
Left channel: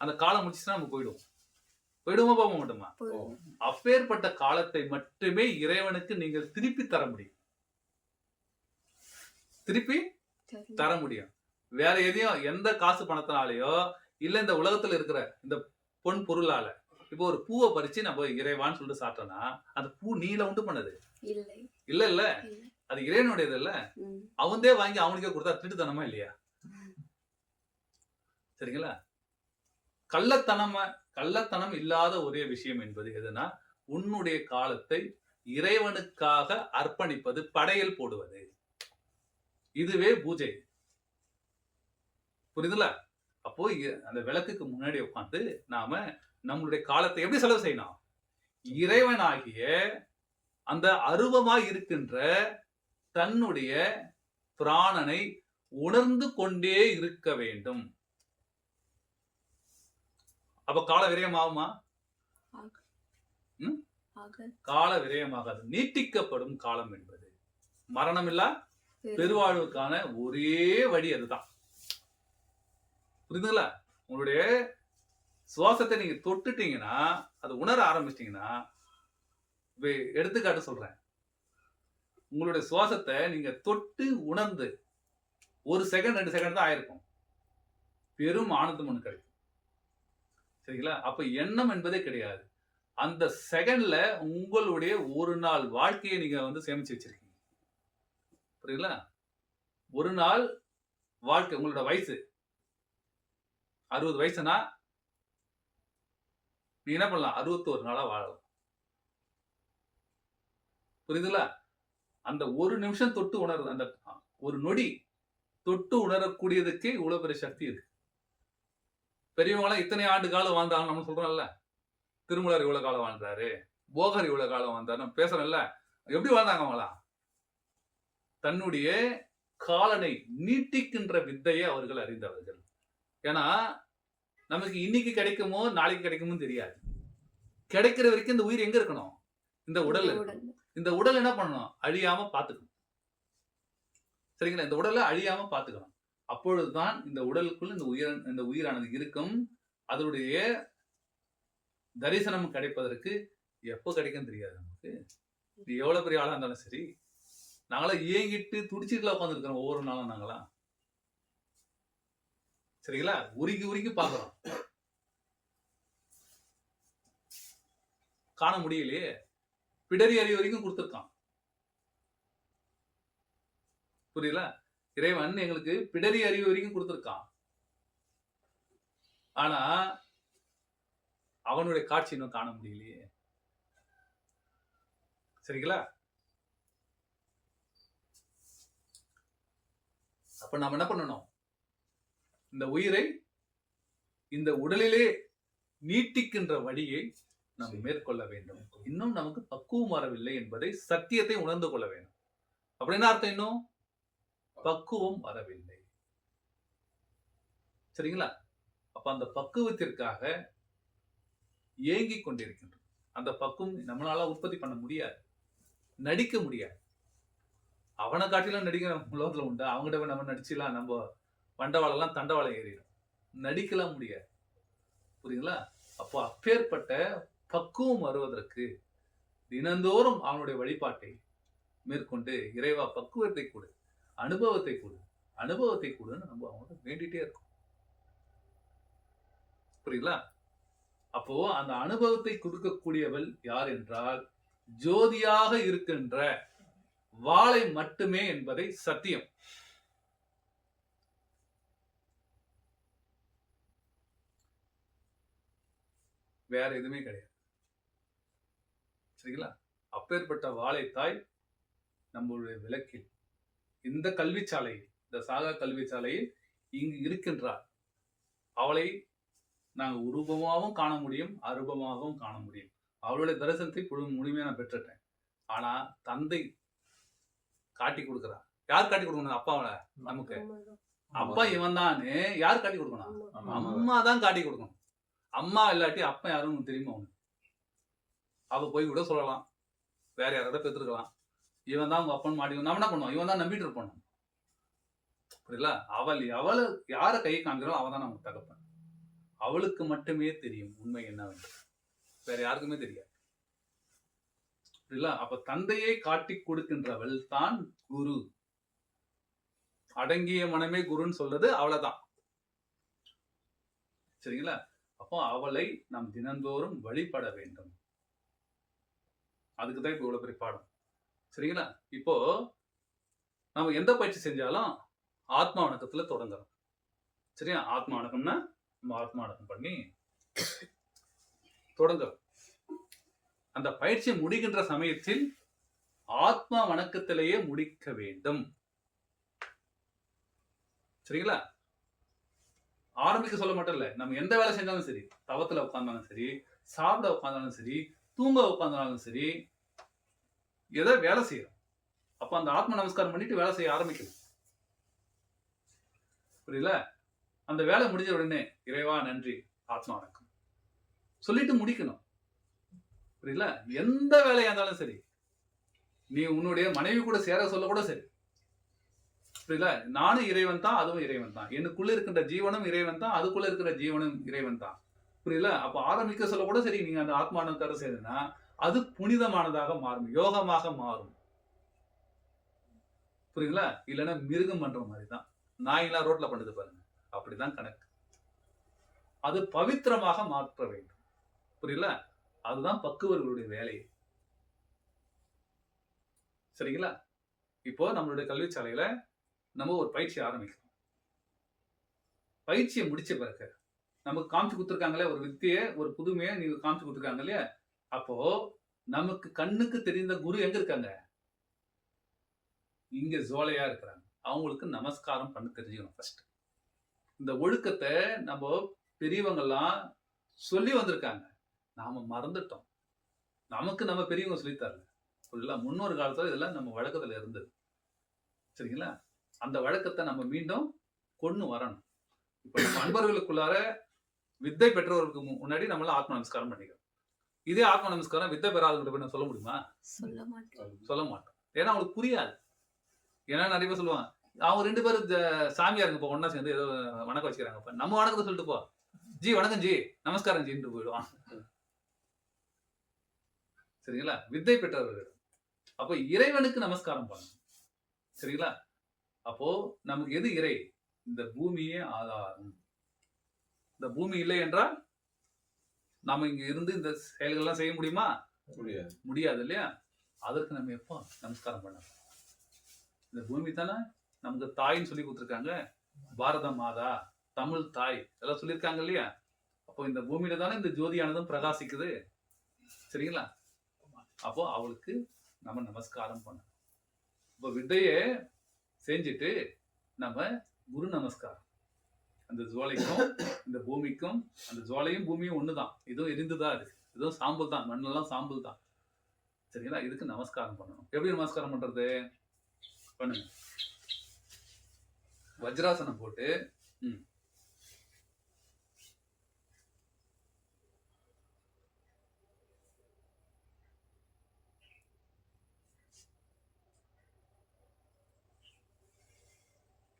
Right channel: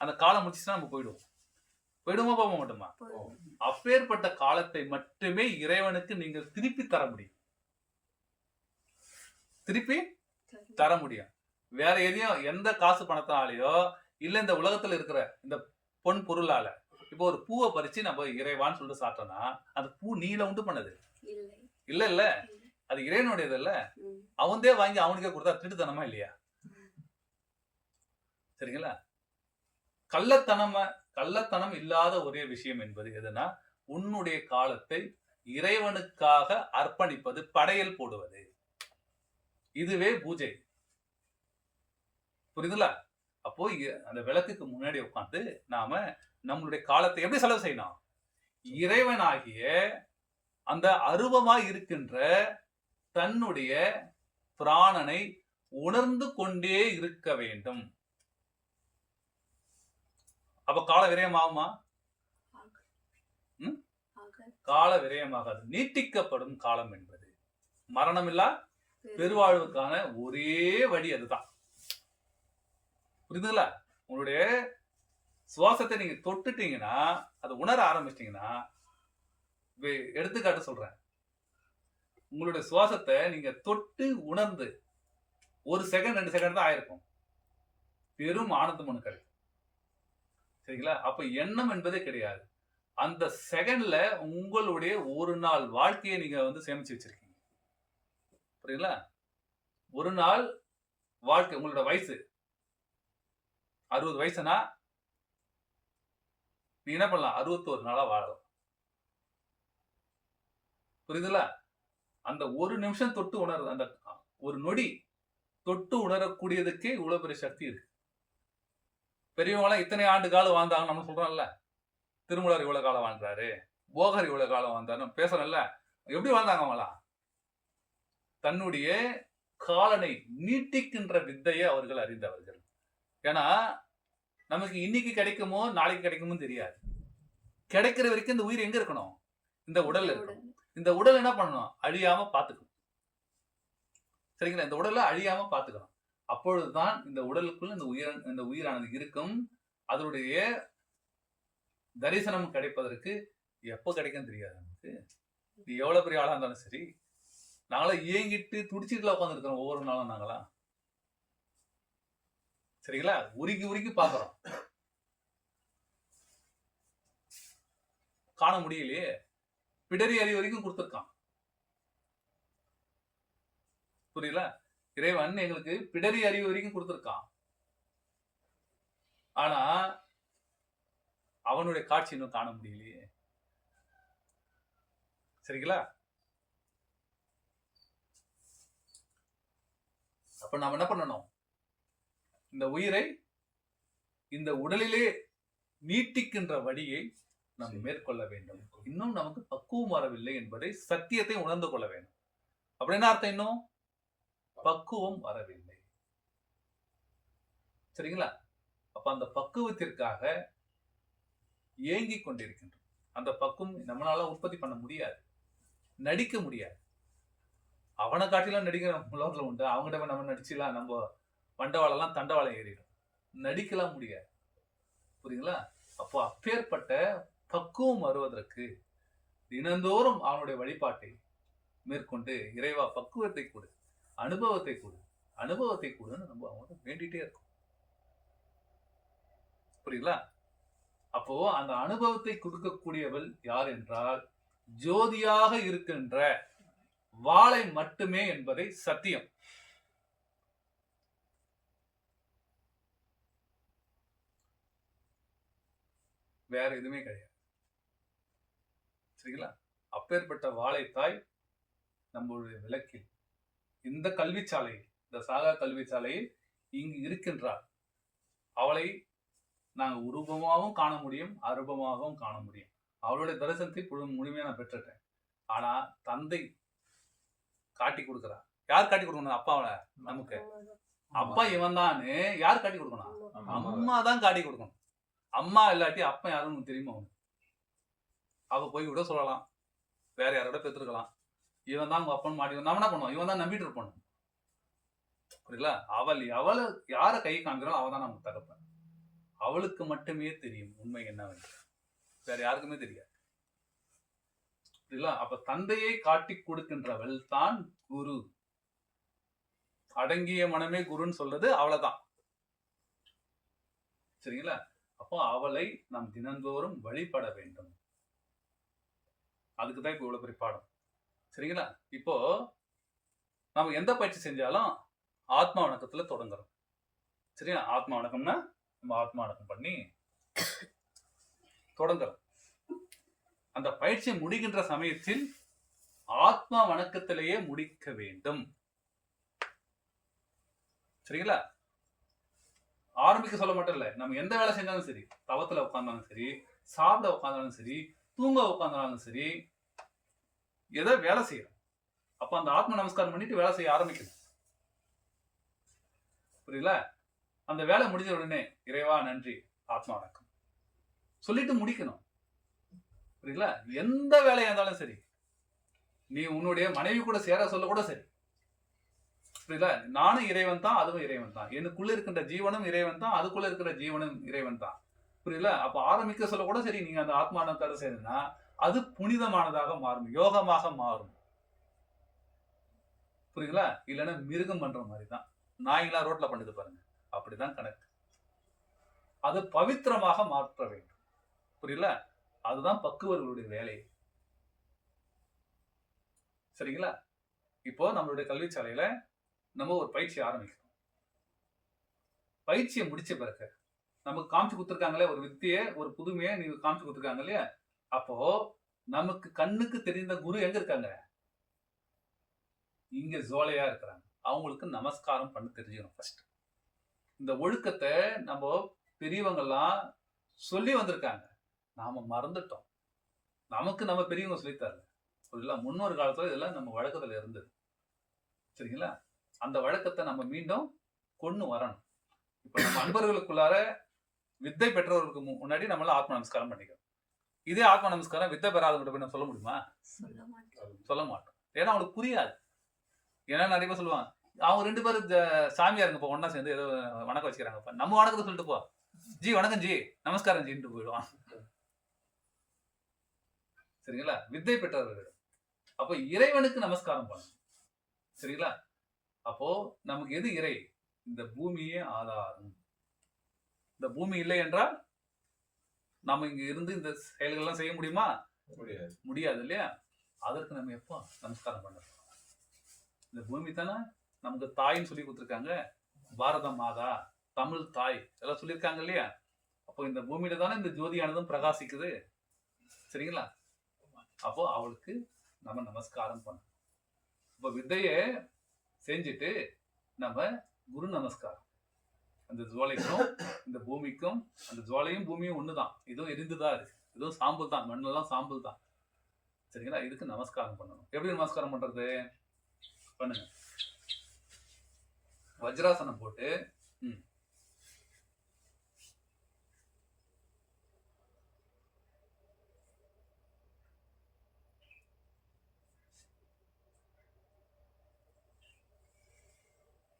அந்த காலம் முடிச்சுன்னா நம்ம போயிடுவோமா போக மாட்டோமா? அப்பேற்பட்ட காலத்தை மட்டுமே இறைவனுக்கு நீங்கள் திருப்பி தர முடியும். வேற எதையும் எந்த காசு பணத்தினாலேயோ இல்ல இந்த உலகத்துல இருக்கிற இந்த பொன் பொருளால, இப்போ ஒரு பூவை பறிச்சு நம்ம இறைவான்னு சொல்லிட்டு சாப்பிட்டோம்னா அந்த பூ நீல உண்டு பண்ணது இல்ல, அது இறைவனுடையது இல்ல. அவன்தே வாங்கி அவனுக்கே கொடுத்தா திருட்டுத்தனமா இல்லையா? சரிங்களா? கள்ளத்தனம் இல்லாத ஒரே விஷயம் என்பது எதுனா, உன்னுடைய காலத்தை இறைவனுக்காக அர்ப்பணிப்பது, படையல் போடுவது. இதுவே பூஜை. புரியுதுல? அப்போ அந்த விளக்குக்கு முன்னாடி உட்காந்து நாம நம்மளுடைய காலத்தை எப்படி செலவு செய்யணும், இறைவனாகிய அந்த அருவமாய் இருக்கின்ற தன்னுடைய பிராணனை உணர்ந்து கொண்டே இருக்க வேண்டும். அப்ப கால விரயமாகுமா? கால விரயமாகாது. நீட்டிக்கப்படும் காலம் என்பது மரணமில்லா பெருவாழ்வுக்கான ஒரே வழி அதுதான். புரியுதுங்களா? உங்களுடைய சுவாசத்தை நீங்க தொட்டுட்டீங்கன்னா, அதை உணர ஆரம்பிச்சிட்டீங்கன்னா, எடுத்துக்காட்டு சொல்றேன், உங்களுடைய சுவாசத்தை நீங்க தொட்டு உணர்ந்து 1 செகண்ட் 2 செகண்ட் தான் ஆயிருக்கும், பெரும் ஆனந்தம் ஒண்ணு கிடைக்கும். சரிங்களா? அப்ப எண்ணம் என்பதே கிடையாது. அந்த செகண்ட்ல உங்களுடைய ஒரு நாள் வாழ்க்கையை நீங்க வந்து சேமிச்சு வச்சிருக்கீங்க. புரியுங்களா? ஒரு நாள் வாழ்க்கை, உங்களோட வயசு 60 வயசுனா நீ என்ன பண்ணலாம், 61 நாளா வாழலாம். புரியுதுல? அந்த ஒரு நிமிஷம் தொட்டு உணர்றது, அந்த ஒரு நொடி தொட்டு உணரக்கூடியதுக்கே இவ்வளவு பெரிய சக்தி இருக்கு. பெரியவங்களாம் இத்தனை ஆண்டு காலம் வாழ்ந்தாங்க நம்ம சொல்றோம்ல, திருமூலர் இவ்வளவு காலம் வாழ்ந்தாரு, போகர் இவ்வளவு காலம் வாழ்ந்தாரு பேசுறோம்ல. எப்படி வாழ்ந்தாங்க அவங்களாம்? தன்னுடைய காலனை நீட்டிக்கின்ற வித்தையை அவர்கள் அறிந்தவர்கள். ஏன்னா நமக்கு இன்னைக்கு கிடைக்குமோ நாளைக்கு கிடைக்குமோ தெரியாது. கிடைக்கிற வரைக்கும் இந்த உயிர் எங்க இருக்கணும், இந்த உடல்ல இருக்கணும். இந்த உடல் என்ன பண்ணணும், அழியாம பாத்துக்கணும். சரிங்களா? இந்த உடலை அழியாம பாத்துக்கணும். அப்பொழுதுதான் இந்த உடலுக்குள் இந்த உயிரானது இருக்கும். அதனுடைய தரிசனம் கிடைப்பதற்கு எப்ப கிடைக்கும் தெரியாது நமக்கு. எவ்வளவு பெரிய ஆளா இருந்தாலும் சரி, நாங்களாம் ஏங்கிட்டு துடிச்சிட்டுல உட்காந்து இருக்கிறோம் ஒவ்வொரு நாளும். நாங்களாம் சரிங்களா, உருகி பாக்குறோம், காண முடியலையே. பிடரி அறிவு வரைக்கும் கொடுத்திருக்கான். புரியல? இறைவன் எங்களுக்கு பிடரி அறிவு வரைக்கும் கொடுத்திருக்கான். ஆனா அவனுடைய காட்சி இன்னும் காண முடியலையே. சரிங்களா? அப்ப நாம என்ன பண்ணணும், இந்த உயிரை இந்த உடலிலே நீட்டிக்கின்ற வழியை நாம் மேற்கொள்ள வேண்டும். இன்னும் நமக்கு பக்குவம் வரவில்லை என்பதை, சத்தியத்தை உணர்ந்து கொள்ள வேண்டும். அப்படின்னா அர்த்தம், இன்னும் பக்குவம் வரவில்லை. சரிங்களா? அப்ப அந்த பக்குவத்திற்காக ஏங்கிக் கொண்டிருக்கின்றோம். அந்த பக்குவம் நம்மளால உற்பத்தி பண்ண முடியாது, நடிக்க முடியாது. அவனை காட்டிலாம் நடிக்கிற உலகத்துல உண்டு. அவங்ககிட்ட நம்ம நடிச்சுலாம் நம்ம வண்டவாளெல்லாம் தண்டவாளம் ஏறிடும். நடிக்கலாம் முடியாது. புரியுங்களா? அப்போ அப்பேற்பட்ட பக்குவம் வருவதற்கு தினந்தோறும் அவனுடைய வழிபாட்டை மேற்கொண்டு, இறைவா பக்குவத்தை கொடு, அனுபவத்தை கொடுன்னு நம்ம அவங்கள்ட்ட வேண்டிட்டே இருக்கோம். புரியுங்களா? அப்போ அந்த அனுபவத்தை கொடுக்கக்கூடியவள் யார் என்றால் ஜோதியாக இருக்கின்ற வாளை மட்டுமே என்பதை சத்தியம். வேற எதுவுமே கிடையாது. சரிங்களா? அப்பேற்பட்ட வாழைத்தாய் நம்மளுடைய விளக்கில் இந்த கல்விச்சாலையில், இந்த சாகா கல்விச்சாலையில் இங்கு இருக்கின்றார். அவளை நாங்கள் உருவமாகவும் காண முடியும், அரூபமாகவும் காண முடியும். அவளுடைய தரிசனத்தை முழுமையாக நான் பெற்றுட்டேன். ஆனா தந்தை காட்டி கொடுக்குறா. யார் காட்டி கொடுக்கணும்? அப்பாவை நமக்கு. அப்பா இவன் தான்னு யார் காட்டி கொடுக்கணும்? அம்மா தான் காட்டி கொடுக்கணும். அம்மா இல்லாட்டி அப்பா யாருன்னு தெரியுமா அவனுக்கு? அவ போய் கூட சொல்லலாம், வேற யாரோட பெற்றுருக்கலாம். இவன் தான் உங்க அப்பன் மாடி. நம்ம என்ன பண்ணுவோம்? இவன் தான் நம்பிட்டு இருப்போம். புரியல? அவளை யாரை கை காண்கிறோம் அவ தான் நமக்கு தகப்பன். அவளுக்கு மட்டுமே தெரியும் உண்மை என்னவென்று, வேற யாருக்குமே தெரியாது. புரியல? அப்ப தந்தையை காட்டி கொடுக்கின்றவள் தான் குரு. அடங்கிய மனமே குருன்னு சொல்றது அவளைதான். சரிங்களா? அப்போ அவளை நாம் தினந்தோறும் வழிபட வேண்டும். அதுக்குதான் இப்போ இவ்வளவு பெரிய பாடம். சரிங்களா? இப்போ நம்ம எந்த பயிற்சி செஞ்சாலும் ஆத்மா வணக்கத்துல தொடங்குறோம். சரியா? ஆத்மா வணக்கம்னா நம்ம ஆத்மா வணக்கம் பண்ணி தொடங்குறோம். அந்த பயிற்சியை முடிகின்ற சமயத்தில் ஆத்மா வணக்கத்திலேயே முடிக்க வேண்டும். சரிங்களா? ஆரம்பிக்க சொல்ல மட்டும் இல்ல, நம்ம எந்த வேலை செஞ்சாலும் சரி, தவத்துல உட்கார்ந்தாலும் சரி, சாப்பிட உட்கார்ந்தாலும் சரி, தூங்க உட்கார்ந்தாலும் சரி, எதை வேலை செய்யறோம் அப்ப அந்த ஆத்ம நமஸ்காரம் பண்ணிட்டு வேலை செய்ய ஆரம்பிக்கணும். புரியல? அந்த வேலை முடிஞ்ச உடனே இறைவா நன்றி, ஆத்மா வணக்கம் சொல்லிட்டு முடிக்கணும். புரியல? எந்த வேலையா இருந்தாலும் சரி, நீ உன்னுடைய மனைவி கூட சேர சொல்ல கூட சரி, புரியல? நானும் இறைவன் தான், அதுவும் இறைவன் தான். எனக்குள்ள இருக்கின்ற ஜீவனும் இறைவன் தான், அதுக்குள்ள இருக்கிற ஜீவனும் இறைவன் தான். புரியல? அப்ப ஆரம்பிக்க சொல்ல கூட சரி, நீங்க அந்த ஆத்மானக்கார செய்யணும்னா அது புனிதமானதாக மாறும், யோகமாக மாறும். புரியுங்களா? இல்லைன்னா மிருகம் பண்ற மாதிரி தான். நாய்லாம் ரோட்ல பண்ணுது பாருங்க, அப்படிதான் கணக்கு. அது பவித்திரமாக மாற்ற வேண்டும். புரியல? அதுதான் பக்குவர்களுடைய வேலை. சரிங்களா? இப்போ நம்மளுடைய கல்விச்சாலையில நம்ம ஒரு பயிற்சி ஆரம்பிக்கிறோம். பயிற்சியை முடிச்ச பிறகு நமக்கு காமிச்சு கொடுத்துருக்காங்களே ஒரு வித்தியை, ஒரு புதுமையை நீங்க காமிச்சு கொடுத்துருக்காங்க இல்லையா? அப்போ நமக்கு கண்ணுக்கு தெரிந்த குரு எங்க இருக்காங்க? இங்க ஜோலையா இருக்கிறாங்க. அவங்களுக்கு நமஸ்காரம் பண்ண தெரிஞ்சுக்கணும் ஃபர்ஸ்ட். இந்த ஒழுக்கத்தை நம்ம பெரியவங்கெல்லாம் சொல்லி வந்திருக்காங்க, நாம மறந்துட்டோம். நமக்கு நம்ம பெரியவங்க சொல்லித்தரல. ஃபுல்லா முன்னொரு காலத்துல இதெல்லாம் நம்ம வழக்கத்துல இருந்தது. சரிங்களா? அந்த வழக்கத்தை நம்ம மீண்டும் கொண்டு வரணும். இப்ப நம்ம அன்பர்களுக்குள்ளார வித்தை பெற்றவர்களுக்கு முன்னாடி நம்மள ஆத்ம நமஸ்காரம் பண்ணிக்கிறோம். இதே ஆத்ம நமஸ்காரம் வித்தை பெறாதவங்க போய் சொல்ல முடியுமா? சொல்ல மாட்டோம். ஏன்னா அவங்களுக்கு புரியாது. ஏன்னா நிறைய பேர் சொல்லுவாங்க, அவங்க 2 பேரும் சாமியாருங்க இப்போ ஒன்னா சேர்ந்து ஏதோ வணக்கம் வச்சுக்கிறாங்க, நம்ம வணக்கத்தை சொல்லிட்டு போ, ஜி வணக்கம் ஜி நமஸ்காரம் ஜின்னு போயிடுவான். சரிங்களா? வித்தை பெற்றவர்கள். அப்போ இறைவனுக்கு நமஸ்காரம் பண்ணணும். சரிங்களா? அப்போ நமக்கு எது இறை? இந்த பூமியே ஆதாரம். இந்த பூமி இல்லை என்றால் நம்ம இங்க இருந்து இந்த செயல்கள்லாம் செய்ய முடியுமா? முடியாது இல்லையா? அதற்கு நம்ம எப்போ நமஸ்காரம் பண்ண போறோம்? இந்த பூமி தானே நமக்கு தாயின்னு சொல்லி கொடுத்துருக்காங்க. பாரத மாதா, தமிழ் தாய் எல்லாம் சொல்லியிருக்காங்க இல்லையா? அப்போ இந்த பூமியில தானே இந்த ஜோதியானதும் பிரகாசிக்குது. சரிங்களா? அப்போ அவளுக்கு நம்ம நமஸ்காரம் பண்ணணும். இப்போ வித்தையை செஞ்சுட்டு நம்ம குரு நமஸ்காரம். அந்த ஜுவாலைக்கும் இந்த பூமிக்கும், அந்த ஜுவாலையும் பூமியும் ஒண்ணுதான். இதுவும் எரிந்துதான் இருக்கு, இதுவும் சாம்பல் தான், மண்ணெல்லாம் சாம்பல் தான். சரிங்களா? இதுக்கு நமஸ்காரம் பண்ணணும். எப்படி நமஸ்காரம் பண்றது? பண்ணுங்க. வஜ்ராசனம் போட்டு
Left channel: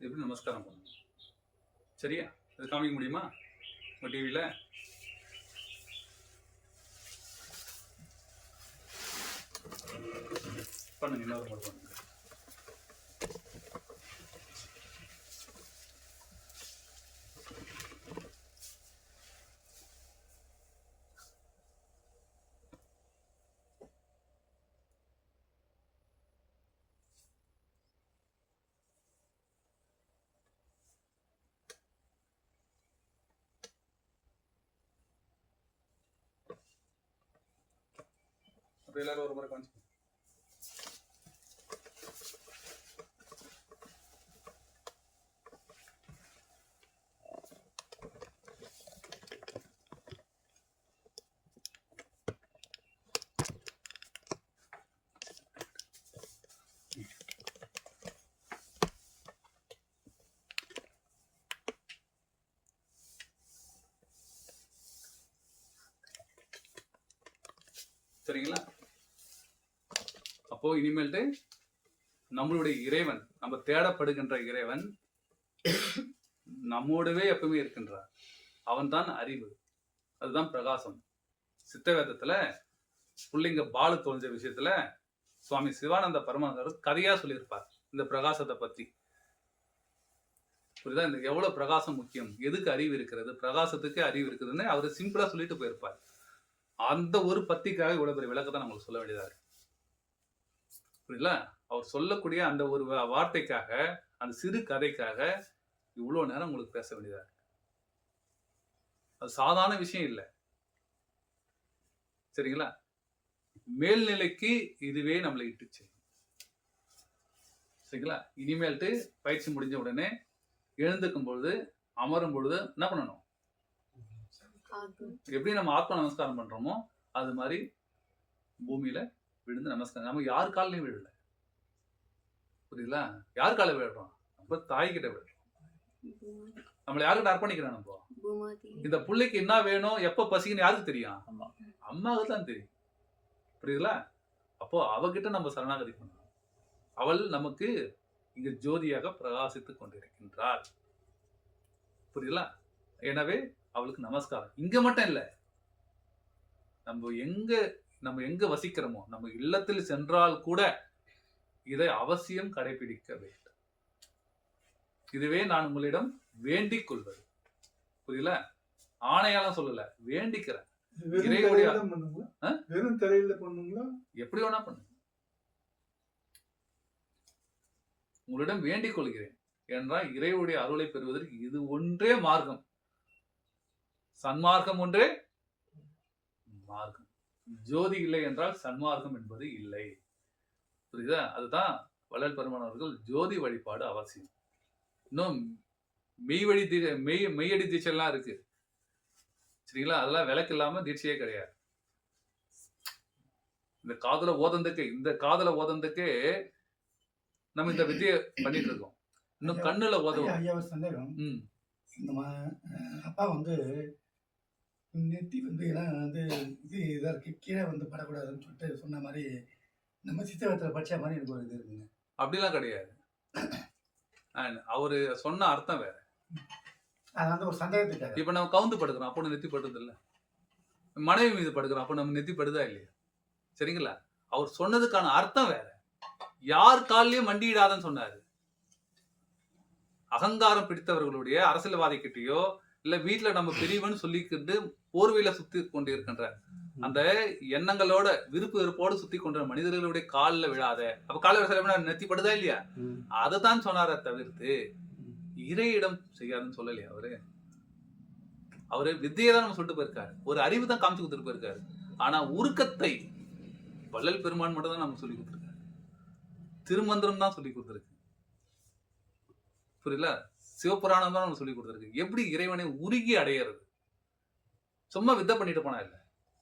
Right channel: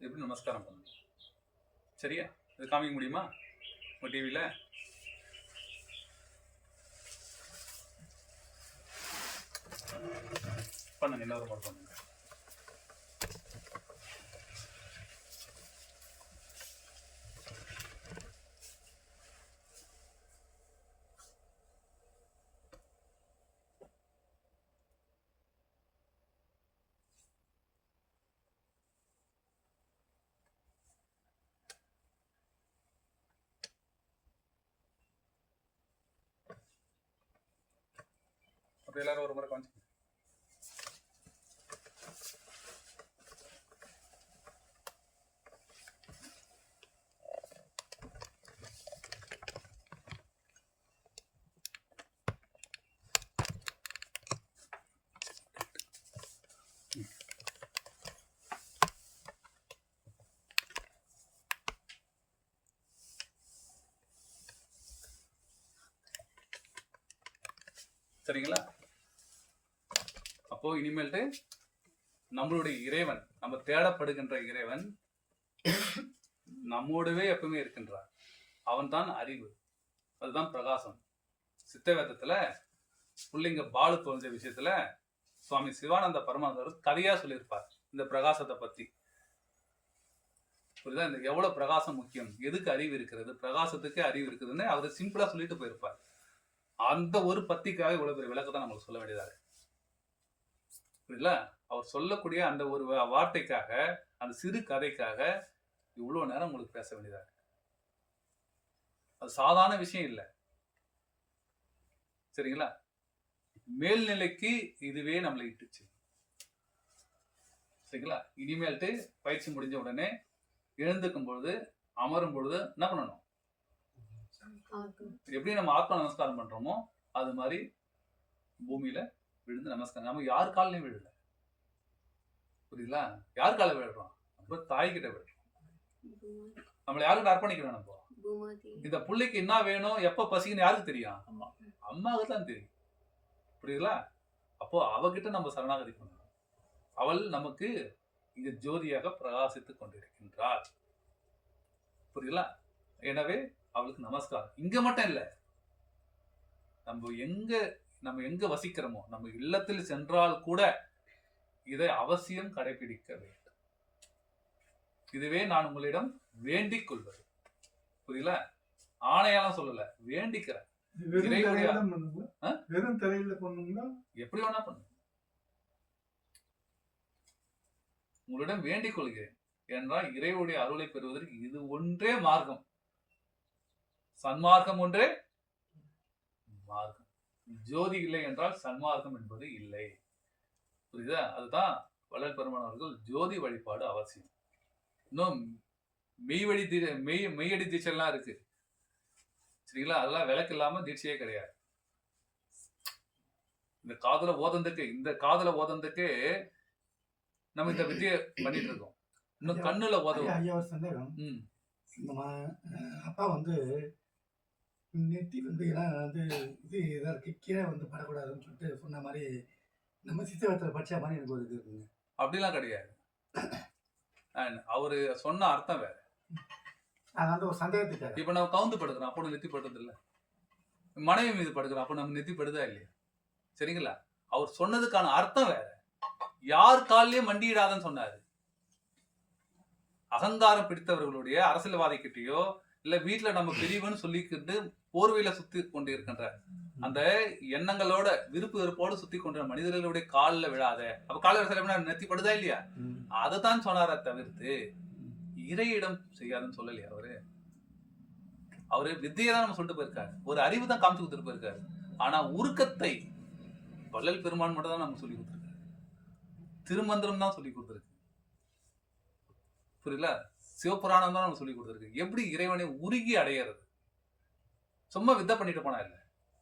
எப்படி நமஸ்காரம் பண்ணணும்? சரியா? இது காமிக்க முடியுமா உங்க டிவியில? பண்ணுங்க, எல்லாரும் பண்ணுங்க. அப்படி எல்லாரும் ஒரு முறை காமிச்சு. சரிங்களா? அப்போ இனிமேல்ட்டு நம்மளுடைய இறைவன், நம்ம தேடப்படுகின்ற இறைவன் நம்மோடவே எப்பவுமே இருக்கின்றார். அவன் தான் அறிவு, அதுதான் பிரகாசம். சித்த வேதத்துல புள்ளிங்க பாலு தோன்ற விஷயத்துல சுவாமி சிவானந்த பரமானந்தர் கதையா சொல்லியிருப்பார் இந்த பிரகாசத்தை பத்தி. புரியுதா? இந்த எவ்வளவு பிரகாசம் முக்கியம், எதுக்கு அறிவு இருக்கிறது, பிரகாசத்துக்கு அறிவு இருக்குதுன்னு அவரு சிம்பிளா சொல்லிட்டு போயிருப்பார். அந்த ஒரு பத்திக்காக இவ்வளவு பெரிய விளக்கத்தை நம்மளுக்கு சொல்ல வேண்டியதா இருக்கு. புரியல? அவர் சொல்லக்கூடிய அந்த ஒரு வார்த்தைக்காக, அந்த சிறு கதைக்காக இவ்வளவு நேரம் உங்களுக்கு பேச வேண்டியதா இருக்கு. அது சாதாரண விஷயம் இல்லை. சரிங்களா? மேல்நிலைக்கு இதுவே நம்மளை இட்டுச்சு. சரிங்களா? இனிமேல்ட்டு பயிற்சி முடிஞ்ச உடனே எழுந்துக்கும் பொழுது, அமரும் பொழுது என்ன பண்ணணும்? எப்படி நம்ம ஆத்மா நமஸ்காரம் பண்றோமோ அது மாதிரி பூமியில விழுந்து நமஸ்காரம். நம்ம யார் காலையும் விழல. புரியுதுல? யார் கால விழுறோம்? நம்ம தாய் கிட்ட விழுறோம். நம்மளை யாருக்கிட்ட அர்ப்பணிக்கிறோம்? நம்ம இந்த பிள்ளைக்கு என்ன வேணும், எப்ப பசிக்குன்னு யாருக்கு தெரியும்? அம்மாவுக்கு தான் தெரியும். புரியுதுல? அப்போ அவகிட்ட நம்ம சரணாகதி பண்ணணும். அவள் நமக்கு இங்க ஜோதியாக பிரகாசித்துக் கொண்டிருக்கின்றாள். புரியுதுல? எனவே அவளுக்கு நமஸ்காரம். இங்க மட்டும் இல்ல, நம்ம எங்க வசிக்கிறோமோ, நம்ம இல்லத்தில் சென்றால் கூட இதை அவசியம் கடைபிடிக்க வேண்டும். இதுவே நான் உங்களிடம் வேண்டிக் கொள்வது. புரியல? ஆணையாலாம் சொல்லல, வேண்டிக்கிறேன். வெறும் தரையில பண்ணுங்களா? எப்படி வேணா பண்ணுங்க. உங்களிடம் வேண்டிக் கொள்கிறேன் என்றால் இறைவனுடைய அருளை பெறுவதற்கு இது ஒன்றே மார்க்கம். சன்மார்க்கம் ஒன்றே மார்க்கம். ஜோதி இல்லை என்றால் சன்மார்க்கம் என்பது இல்லை. புரியுதா? அதுதான் வள்ளல் பெருமான் அவர்கள் ஜோதி வழிபாடு அவசியம். இன்னும் மெய்யடி தீட்சைலாம் இருக்கு. சரிங்களா? அதெல்லாம் விளக்கு இல்லாம தீட்சையே கிடையாது. இந்த காதல ஓதந்துக்கு நம்ம இந்த வித்தியை பண்ணிட்டு இருக்கோம். இன்னும் கண்ணுல ஓதவும். அப்பா வந்து நெத்தி வந்து எல்லாம் வந்து இதாக இருக்கு, கீழே வந்து படக்கூடாதுன்னு சொல்லிட்டு சொன்ன மாதிரி நம்ம சித்தகத்தில் படிச்ச மாதிரி எனக்கு ஒரு இது இருக்குங்க. அப்படிலாம் கிடையாது. அவரு சொன்ன அர்த்தம் வேற. அது வந்து ஒரு சந்தேகத்துக்காக. இப்ப நம்ம கவுந்து படுக்கிறோம், அப்போ நெத்தி படுறது இல்லை. மனைவி மீது படுக்கிறோம், அப்போ நம்ம நெத்தி படுதா இல்லையா? சரிங்களா? அவர் சொன்னதுக்கான அர்த்தம் வேற. யார் காலிலேயே மண்டியிடாதன்னு சொன்னாரு. அகங்காரம் பிடித்தவர்களுடைய அரசியல்வாதி கிட்டயோ இல்ல வீட்டுல நம்ம பெரியவன்னு சொல்லிக்கிட்டு போர்வையில சுத்தி கொண்டு இருக்கின்ற அந்த எண்ணங்களோட விருப்பு வெறுப்போடு சுத்தி கொண்ட மனிதர்களுடைய காலில் விழாத. அப்ப காலில் நெத்திப்படுதா இல்லையா? அதைத்தான் சொன்னார தவிர்த்து இறையிடம் செய்யாதுன்னு சொல்லலையா? அவரு வித்தியை தான் நம்ம சொல்லிட்டு போயிருக்காரு, ஒரு அறிவு தான் காமிச்சு கொடுத்துட்டு போயிருக்காரு. ஆனா உருக்கத்தை வள்ளல் பெருமான் மட்டும் தான் நம்ம சொல்லி கொடுத்துருக்காரு. திருமந்திரம் தான் சொல்லி கொடுத்துருக்கு. புரியல? சிவபுராணம் தான் நம்ம சொல்லி கொடுத்துருக்கு. எப்படி இறைவனை உருகி அடையிறது? சும்மா வித்தை பண்ணிட்டு போனா இல்ல,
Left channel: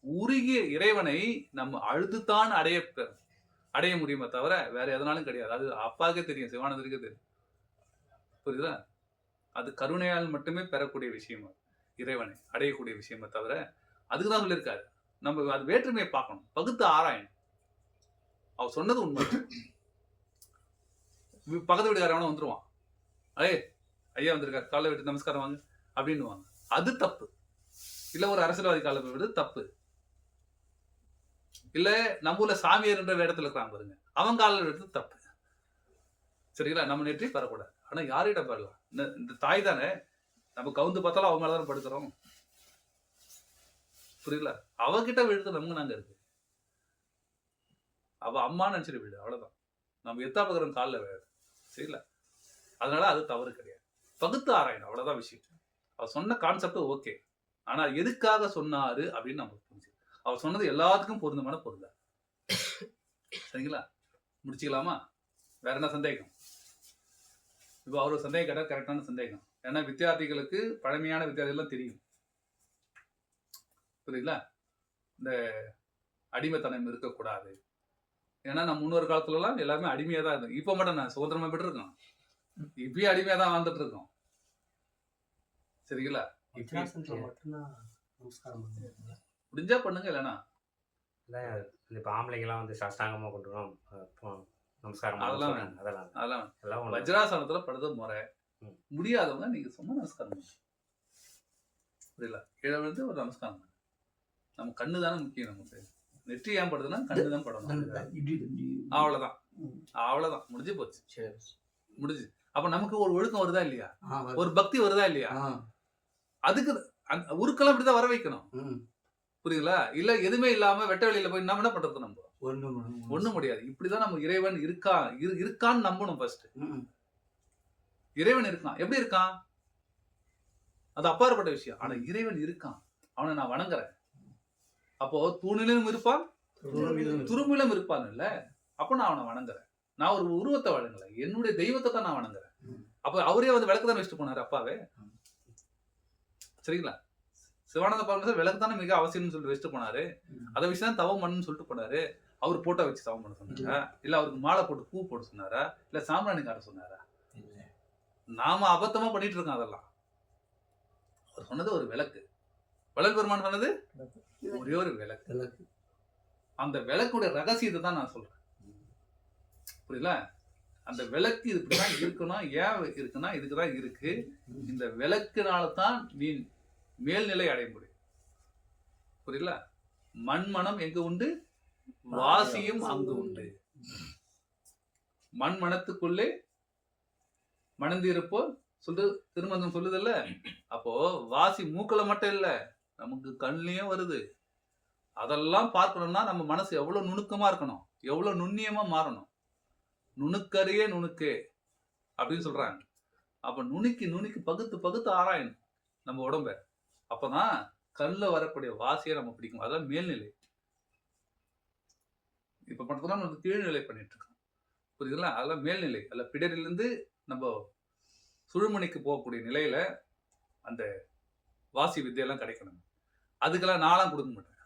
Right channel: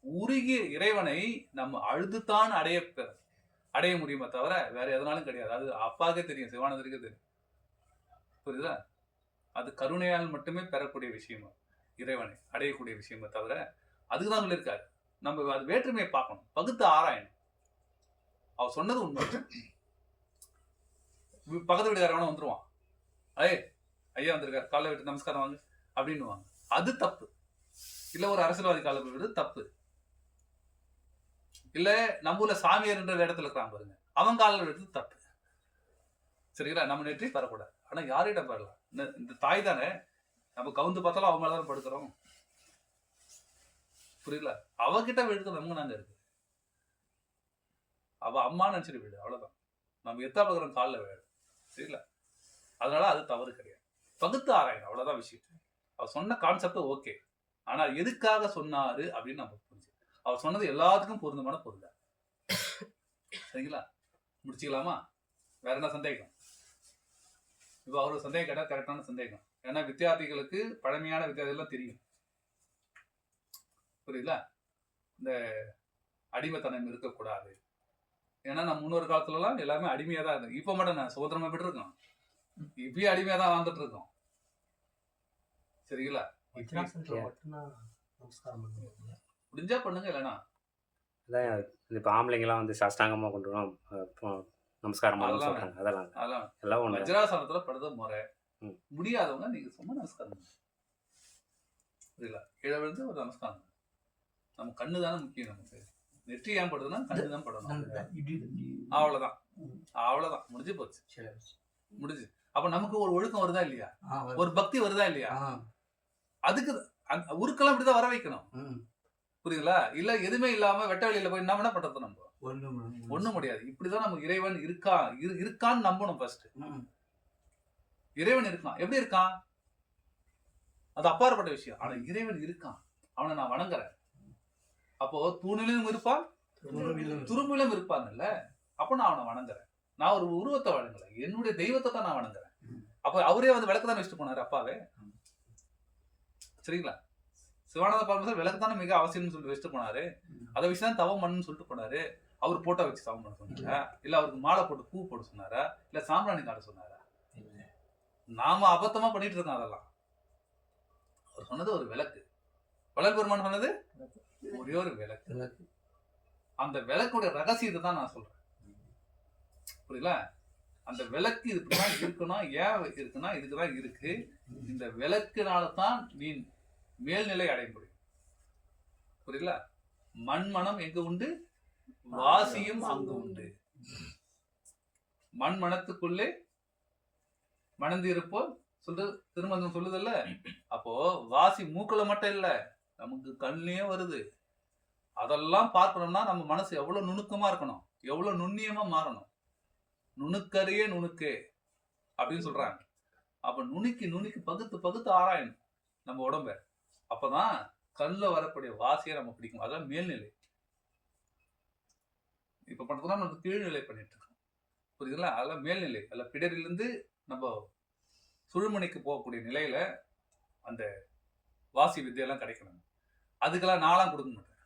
உருகிய இறைவனை நம்ம அழுதுதான் அடைய முடியுமே தவிர வேற எதனாலும் கிடையாது. அது அப்பாவுக்கே தெரியும், சிவானந்தருக்கே தெரியும். புரியுதா? அது கருணையால் மட்டுமே பெறக்கூடிய விஷயம், இறைவனை அடையக்கூடிய விஷயமே தவிர. அதுக்குதான் சொல்லியிருக்காரு நம்ம அது வேற்றுமையை பார்க்கணும், பகுத்து ஆராயணும். அவர் சொன்னது உண்மை. பக்கத்து வீட்டுக்காரவன வந்துருவான், ஐயா வந்திருக்காரு, காலை விட்டு நமஸ்காரம் வாங்க அப்படின்னுவாங்க. அது தப்பு. இல்ல ஒரு அரசியல்வாதி காலை விடு தப்பு. இல்ல நம்ம ஊர்ல சாமியார் என்ற இடத்துல இருக்கிறான் பாருங்க, அவன் காலில் விடுறது தப்பு. சரிங்களா? நம்ம நெற்றி பெறக்கூடாது. ஆனா யாரிடம் பெறலாம்? இந்த தாய் தானே, நம்ம கவுந்து பார்த்தாலும் அவன் மேலதான் படுக்கிறோம். புரியல? அவகிட்ட விழுது நம்ம நாங்க இருக்கு. அவ அம்மா நினைச்சிட்டு விடு, அவ்வளவுதான். நம்ம எத்தா பக்கம் காலில் விழாது. சரிங்களா? அதனால அது தவறு கிடையாது. பகுத்து ஆராயணும், அவ்வளவுதான் விஷயம். அவர் சொன்ன கான்செப்ட் ஓகே, ஆனா எதுக்காக சொன்னாரு அப்படின்னு நம்ம புரிஞ்சு. அவர் சொன்னது எல்லாத்துக்கும் பொருந்தமான பொருள். சரிங்களா? முடிச்சுக்கலாமா? வேற என்ன சந்தேகம்? இப்போ அவரு சந்தேகம் கேட்டால் கரெக்டான சந்தேகம். ஏன்னா வித்தியார்த்திகளுக்கு பழமையான வித்தியார்த்திகள்லாம் தெரியும். புரியுதுங்களா? இந்த அடிமைத்தனம் இருக்கக்கூடாது. ஏன்னா நம்ம முன்னொரு காலத்துலலாம் எல்லாருமே அடிமையாக தான் இருந்தோம். இப்போ மட்டும் நான் சுதந்திரமாக பெற்றிருக்கோம். இப்பயும் அடிமையாக தான் வாழ்ந்துட்டு இருக்கோம். சரிங்களா? முடிஞ்சா பண்ணுங்க, இல்லைன்னா இப்போ ஆம்பளைங்கெல்லாம் வந்து சாஷ்டாங்கமாக கொண்டு வரோம் நமஸ்காரம் அதெல்லாம் சொல்றாங்க. அதெல்லாம் அதெல்லாம் எல்லாம் ஒண்ணு. வஜ்ராசனத்துல படுறது முறை. ம். முடியாதவங்க நீங்க சும்மா நமஸ்காரம் பண்ணுங்க. புரியல? கீழே விழுந்து ஒரு நமஸ்காரம் பண்ணுங்க. நம்ம கண்ணு தானே முக்கியம். நமக்கு நெற்றி ஏன் படுதுன்னா கண்ணு தான் படணும். அவ்வளவுதான், அவ்வளவுதான், முடிஞ்சு போச்சு, முடிஞ்சு. அப்ப நமக்கு ஒரு ஒழுக்கம் வருதா இல்லையா? ஒரு பக்தி வருதா இல்லையா? அதுக்கு உருக்கெல்லாம் இப்படிதான் வர வைக்கணும். புரியுதுங்களா? இல்ல எதுவுமே இல்லாம வெட்ட வெளியில போய் என்ன பண்றது? நம்ம ஒண்ணும் முடியாது. இப்படிதான் நம்ம இறைவன் இருக்கான்னு நம்பணும். ஃபர்ஸ்ட் இறைவன் இருக்கான். எப்படி இருக்கான்? அது அப்பாற்பட்ட விஷயம். ஆனா இறைவன் இருக்கான், அவனை நான் வணங்குறேன். அப்போ தூணிலும் இருப்பான், துரும்பிலும் இருப்பான் இல்ல? அப்ப நான் அவனை வணங்குறேன். நான் ஒரு உருவத்தை வணங்கல, என்னுடைய தெய்வத்தை தான் நான் வணங்குறேன். அப்ப அவரே வந்து விளக்கு தான் வச்சுட்டு போனாரு அப்பாவே. சரிங்களா? சிவானந்த பரமேஸ்வரர் விளக்கு தானே மிக அவசியம்னு சொல்லிட்டு வச்சுட்டு போனாரு. அதை வச்சு தான் தவம் பண்ணுன்னு சொல்லிட்டு போனாரு. அவர் போட்டோ வச்சு தவம் பண்ண சொன்னாரா? இல்ல அவருக்கு மாலை போட்டு பூ போட்டு சொன்னாரா? இல்ல சாம்பிராணி காட்ட சொன்னாரா? நாம அபத்தமா பண்ணிட்டு இருக்கோம் அதெல்லாம். அவர் சொன்னது ஒரு விளக்கு. வள்ளல் பெருமான் சொன்னது ஒரே ஒரு விளக்கு. அந்த விளக்குடைய ரகசியத்தை தான் நான் சொல்றேன். புரியல? அந்த விளக்கு இப்படிதான் இருக்கணும். ஏன் இருக்குன்னா இதுக்குதான் இருக்கு. இந்த விளக்குனால தான் நீ மேல்நிலை அடைய முடியும். புரியல? மண்மனம் எங்க உண்டு, வாசியும் அங்கு உண்டு. மண் மனத்துக்குள்ளே மணந்து இருப்போம் சொல்றது திருமந்தம் சொல்லுதல்ல. அப்போ வாசி மூக்களை மட்டும் இல்ல, நமக்கு கண்ணிலையும் வருது. அதெல்லாம் பார்க்கணும்னா நம்ம மனசு எவ்வளவு நுணுக்கமா இருக்கணும், எவ்வளவு நுண்ணியமா மாறணும். நுணுக்கறியே நுணுக்கு அப்படின்னு சொல்றாங்க. அப்ப நுணுக்கி பகுத்து ஆராயணும் நம்ம உடம்ப. அப்பதான் கண்ணில் வரக்கூடிய வாசியை நம்ம பிடிக்கும். அதான் மேல்நிலை. இப்ப பார்த்தோம்னா நம்ம கீழ்நிலை பண்ணிட்டு இருக்கோம். புரியுதுங்களா? அதெல்லாம் மேல்நிலை. அதில் பிடரிலிருந்து நம்ம சுழுமணிக்கு போகக்கூடிய நிலையில அந்த வாசி வித்தையெல்லாம் கிடைக்கணும். அதுக்கெல்லாம் நாளாம் கொடுக்க மாட்டேன்.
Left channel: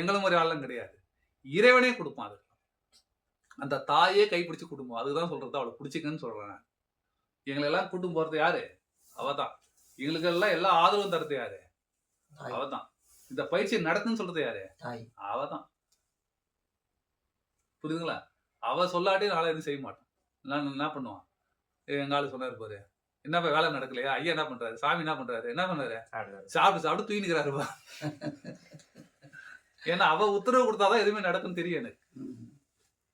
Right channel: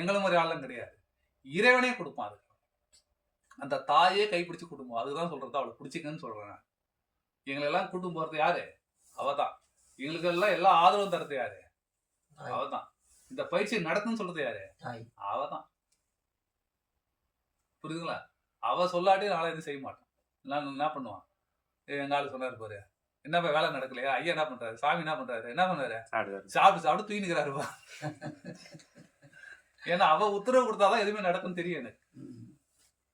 எங்களும் மாதிரி ஆளும் கிடையாது. இறைவனே கொடுப்பான். அதுக்கு அந்த தாயே கைப்பிடிச்சு குடும்பம். அதுதான் சொல்றது. அவளை பிடிச்சிக்கன்னு சொல்றேன். எங்களெல்லாம் கூட்டும் போறது யாரு? அவதான். எங்களுக்கு எல்லாம் எல்லா ஆதரவும் தரது யாரு? அவதான். இந்த பயிற்சியை நடத்துன்னு சொல்றது யாரு? அவதான். புரியுதுங்களா? அவ சொல்லாட்டி நாளை எதுவும் செய்ய மாட்டோம். நான் என்ன பண்ணுவான்? எங்க ஆளு சொன்னாரு பாரு, என்னப்பா வேலை நடக்கலையா? ஐயா என்ன பண்றாரு? சாமி என்ன பண்றாரு? என்ன பண்ணாரு? சாப்பிட்டு தூங்கிக்கிறாருப்பா. ஏன்னா அவ உத்தரவு கொடுத்தாதான் எதுவுமே நடக்கும்னு தெரியும் எனக்கு.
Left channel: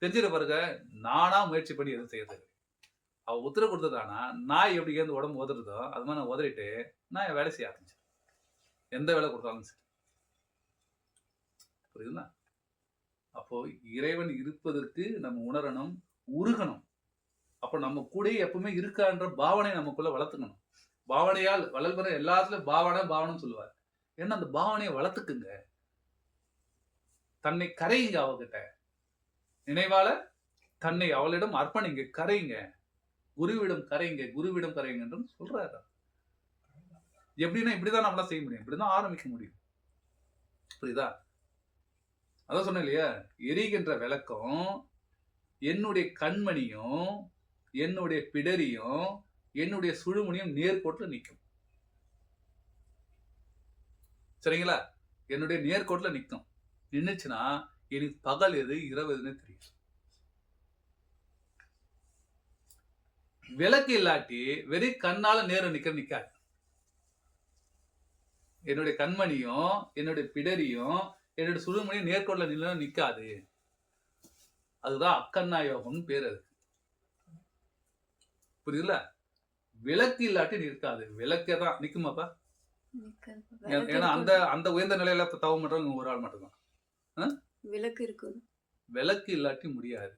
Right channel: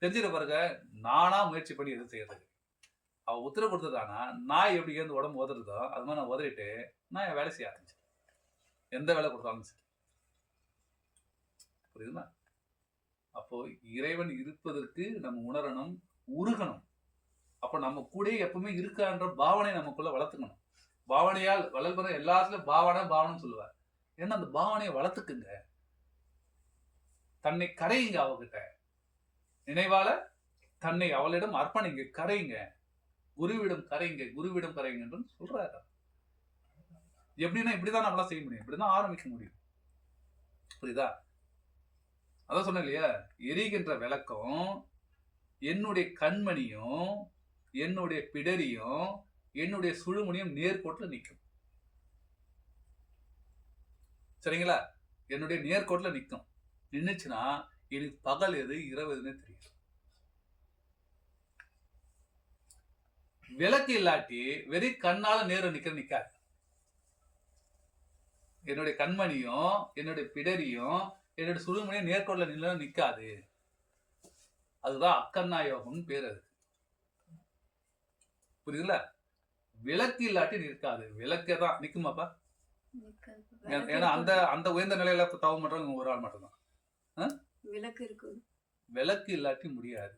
தெரிஞ்சிட பாருங்க. நானா முயற்சி பண்ணி எதுவும் செய்யறதுக்கு. அவ உத்தரவு கொடுத்ததானா நாய் எப்படி ஏந்து உடம்பு உதறதோ அது மாதிரி நான் உதறிட்டு நான் என் வேலை செய்ய ஆரம்பிச்சேன். எந்த வேலை கொடுத்தாலும் சரி. புரியுதுங்களா? அப்போ இறைவன் இருப்பதற்கு நம்ம உணரணும், உருகணும். அப்போ நம்ம கூட எப்பவுமே இருக்கான்ற பாவனை நமக்குள்ள வளர்த்துக்கணும். பாவனையால் வளர்புற எல்லாத்துலயும் பாவனை சொல்லுவார். ஏன்னா அந்த பாவனையை வளர்த்துக்குங்க. தன்னை கரையுங்க அவகிட்ட. நினைவால தன்னை அவளிடம் அர்ப்பணிங்க, கரையுங்க. குருவிடம் கரையுங்க என்று சொல்றாரு. எப்படின்னா இப்படிதான் நம்மளால செய்ய முடியும். இப்படிதான் ஆரம்பிக்க முடியும். புரியுதா? அதான் சொன்னேன் இல்லையா? எரிகின்ற விளக்கம் என்னுடைய கண்மணியும் என்னுடைய பிடரியும் என்னுடைய சுழுமணியும் நேர்கோட்டில் நிற்கும். சரிங்களா? என்னுடைய நேர்கோட்டில் நிற்கும். நின்றுச்சுன்னா எனக்கு பகல் எது இரவு எதுன்னு தெரியும். விளக்கு இல்லாட்டி வெறி கண்ணால நேரம் நிக்காது. என்னுடைய கண்மணியும் என்னுடைய பிடரியும் என்னுடைய சுழுமணியும் நேர்கோட்டில் நின்று நிக்காது. அதுதான் அக்கண்ணா யோகம்னு பேர். அது புரியுதுல? விளக்கு இல்லாட்டி நிற்காது. விளக்கே தான் நிக்குமாப்பா. ஏன்னா அந்த உயர்ந்த நிலையில தவம் பண்றவங்க ஒரு ஆள் மட்டும்தான். விளக்கு இருக்கு. விளக்கு இல்லாட்டி முடியாது.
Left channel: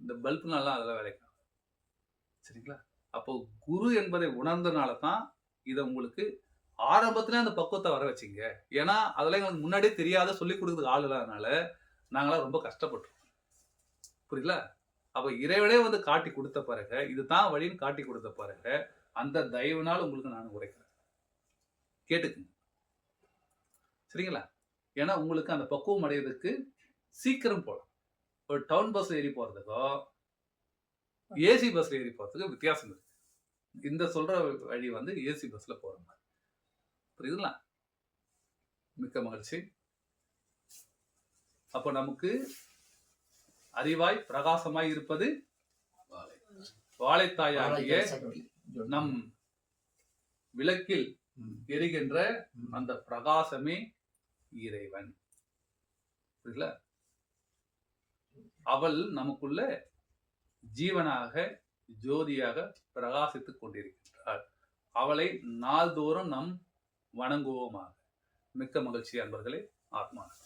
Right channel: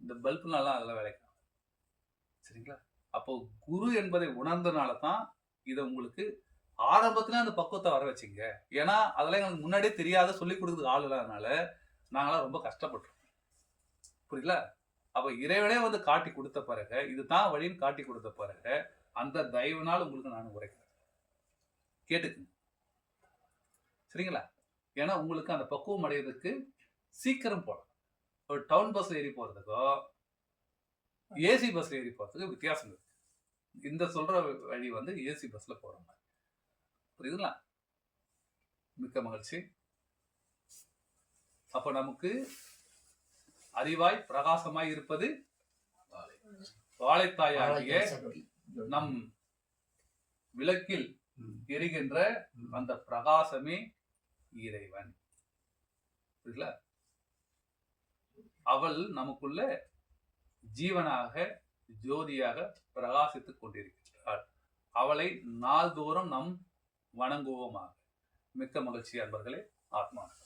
இந்த பல்புனாலாம் அதெல்லாம் விளக்காது. சரிங்களா? அப்போ குரு என்பதை உணர்ந்தனால தான் இதை உங்களுக்கு ஆரம்பத்துல அந்த பக்குவத்தை வர வச்சிங்க. ஏன்னா அதெல்லாம் எங்களுக்கு முன்னாடியே தெரியாத சொல்லிக் கொடுக்குறதுக்கு ஆள் இல்லாதனால நாங்களாம் ரொம்ப கஷ்டப்பட்டோம். புரியல? அப்ப இறைவனே வந்து காட்டி கொடுத்த பிறகு, இதுதான் வழின்னு காட்டி கொடுத்த பிறகு, அந்த தயவுனால் உங்களுக்கு நான் உரைக்கிறேன். கேட்டுக்குங்க. சரிங்களா? ஏன்னா உங்களுக்கு அந்த பக்குவம் அடைவதற்கு சீக்கிரம் போலாம். ஒரு டவுன் பஸ்ல ஏறி போறதுக்கோ, ஏசி பஸ்ல ஏறி போறதுக்கு வித்தியாசம் இருக்கு. இந்த சொல்ற வழி வந்து ஏசி பஸ்ல போற மாதிரி. புரியுதுங்களா? மிக்க மகிழ்ச்சி. அப்போ நமக்கு அறிவாய் பிரகாசமாய் இருப்பது வாழைத்தாயாகிய நம் விளக்கில் எரிகின்ற அந்த பிரகாசமே இறைவன். புரியல? அவள் நமக்குள்ள ஜீவனாக ஜோதியாக பிரகாசித்துக் கொண்டிருக்கின்றாள். அவளை நாள்தோறும் நாம் வணங்குவோமாக. மிக்க மகிழ்ச்சி அன்பர்களே. ஆத்மா.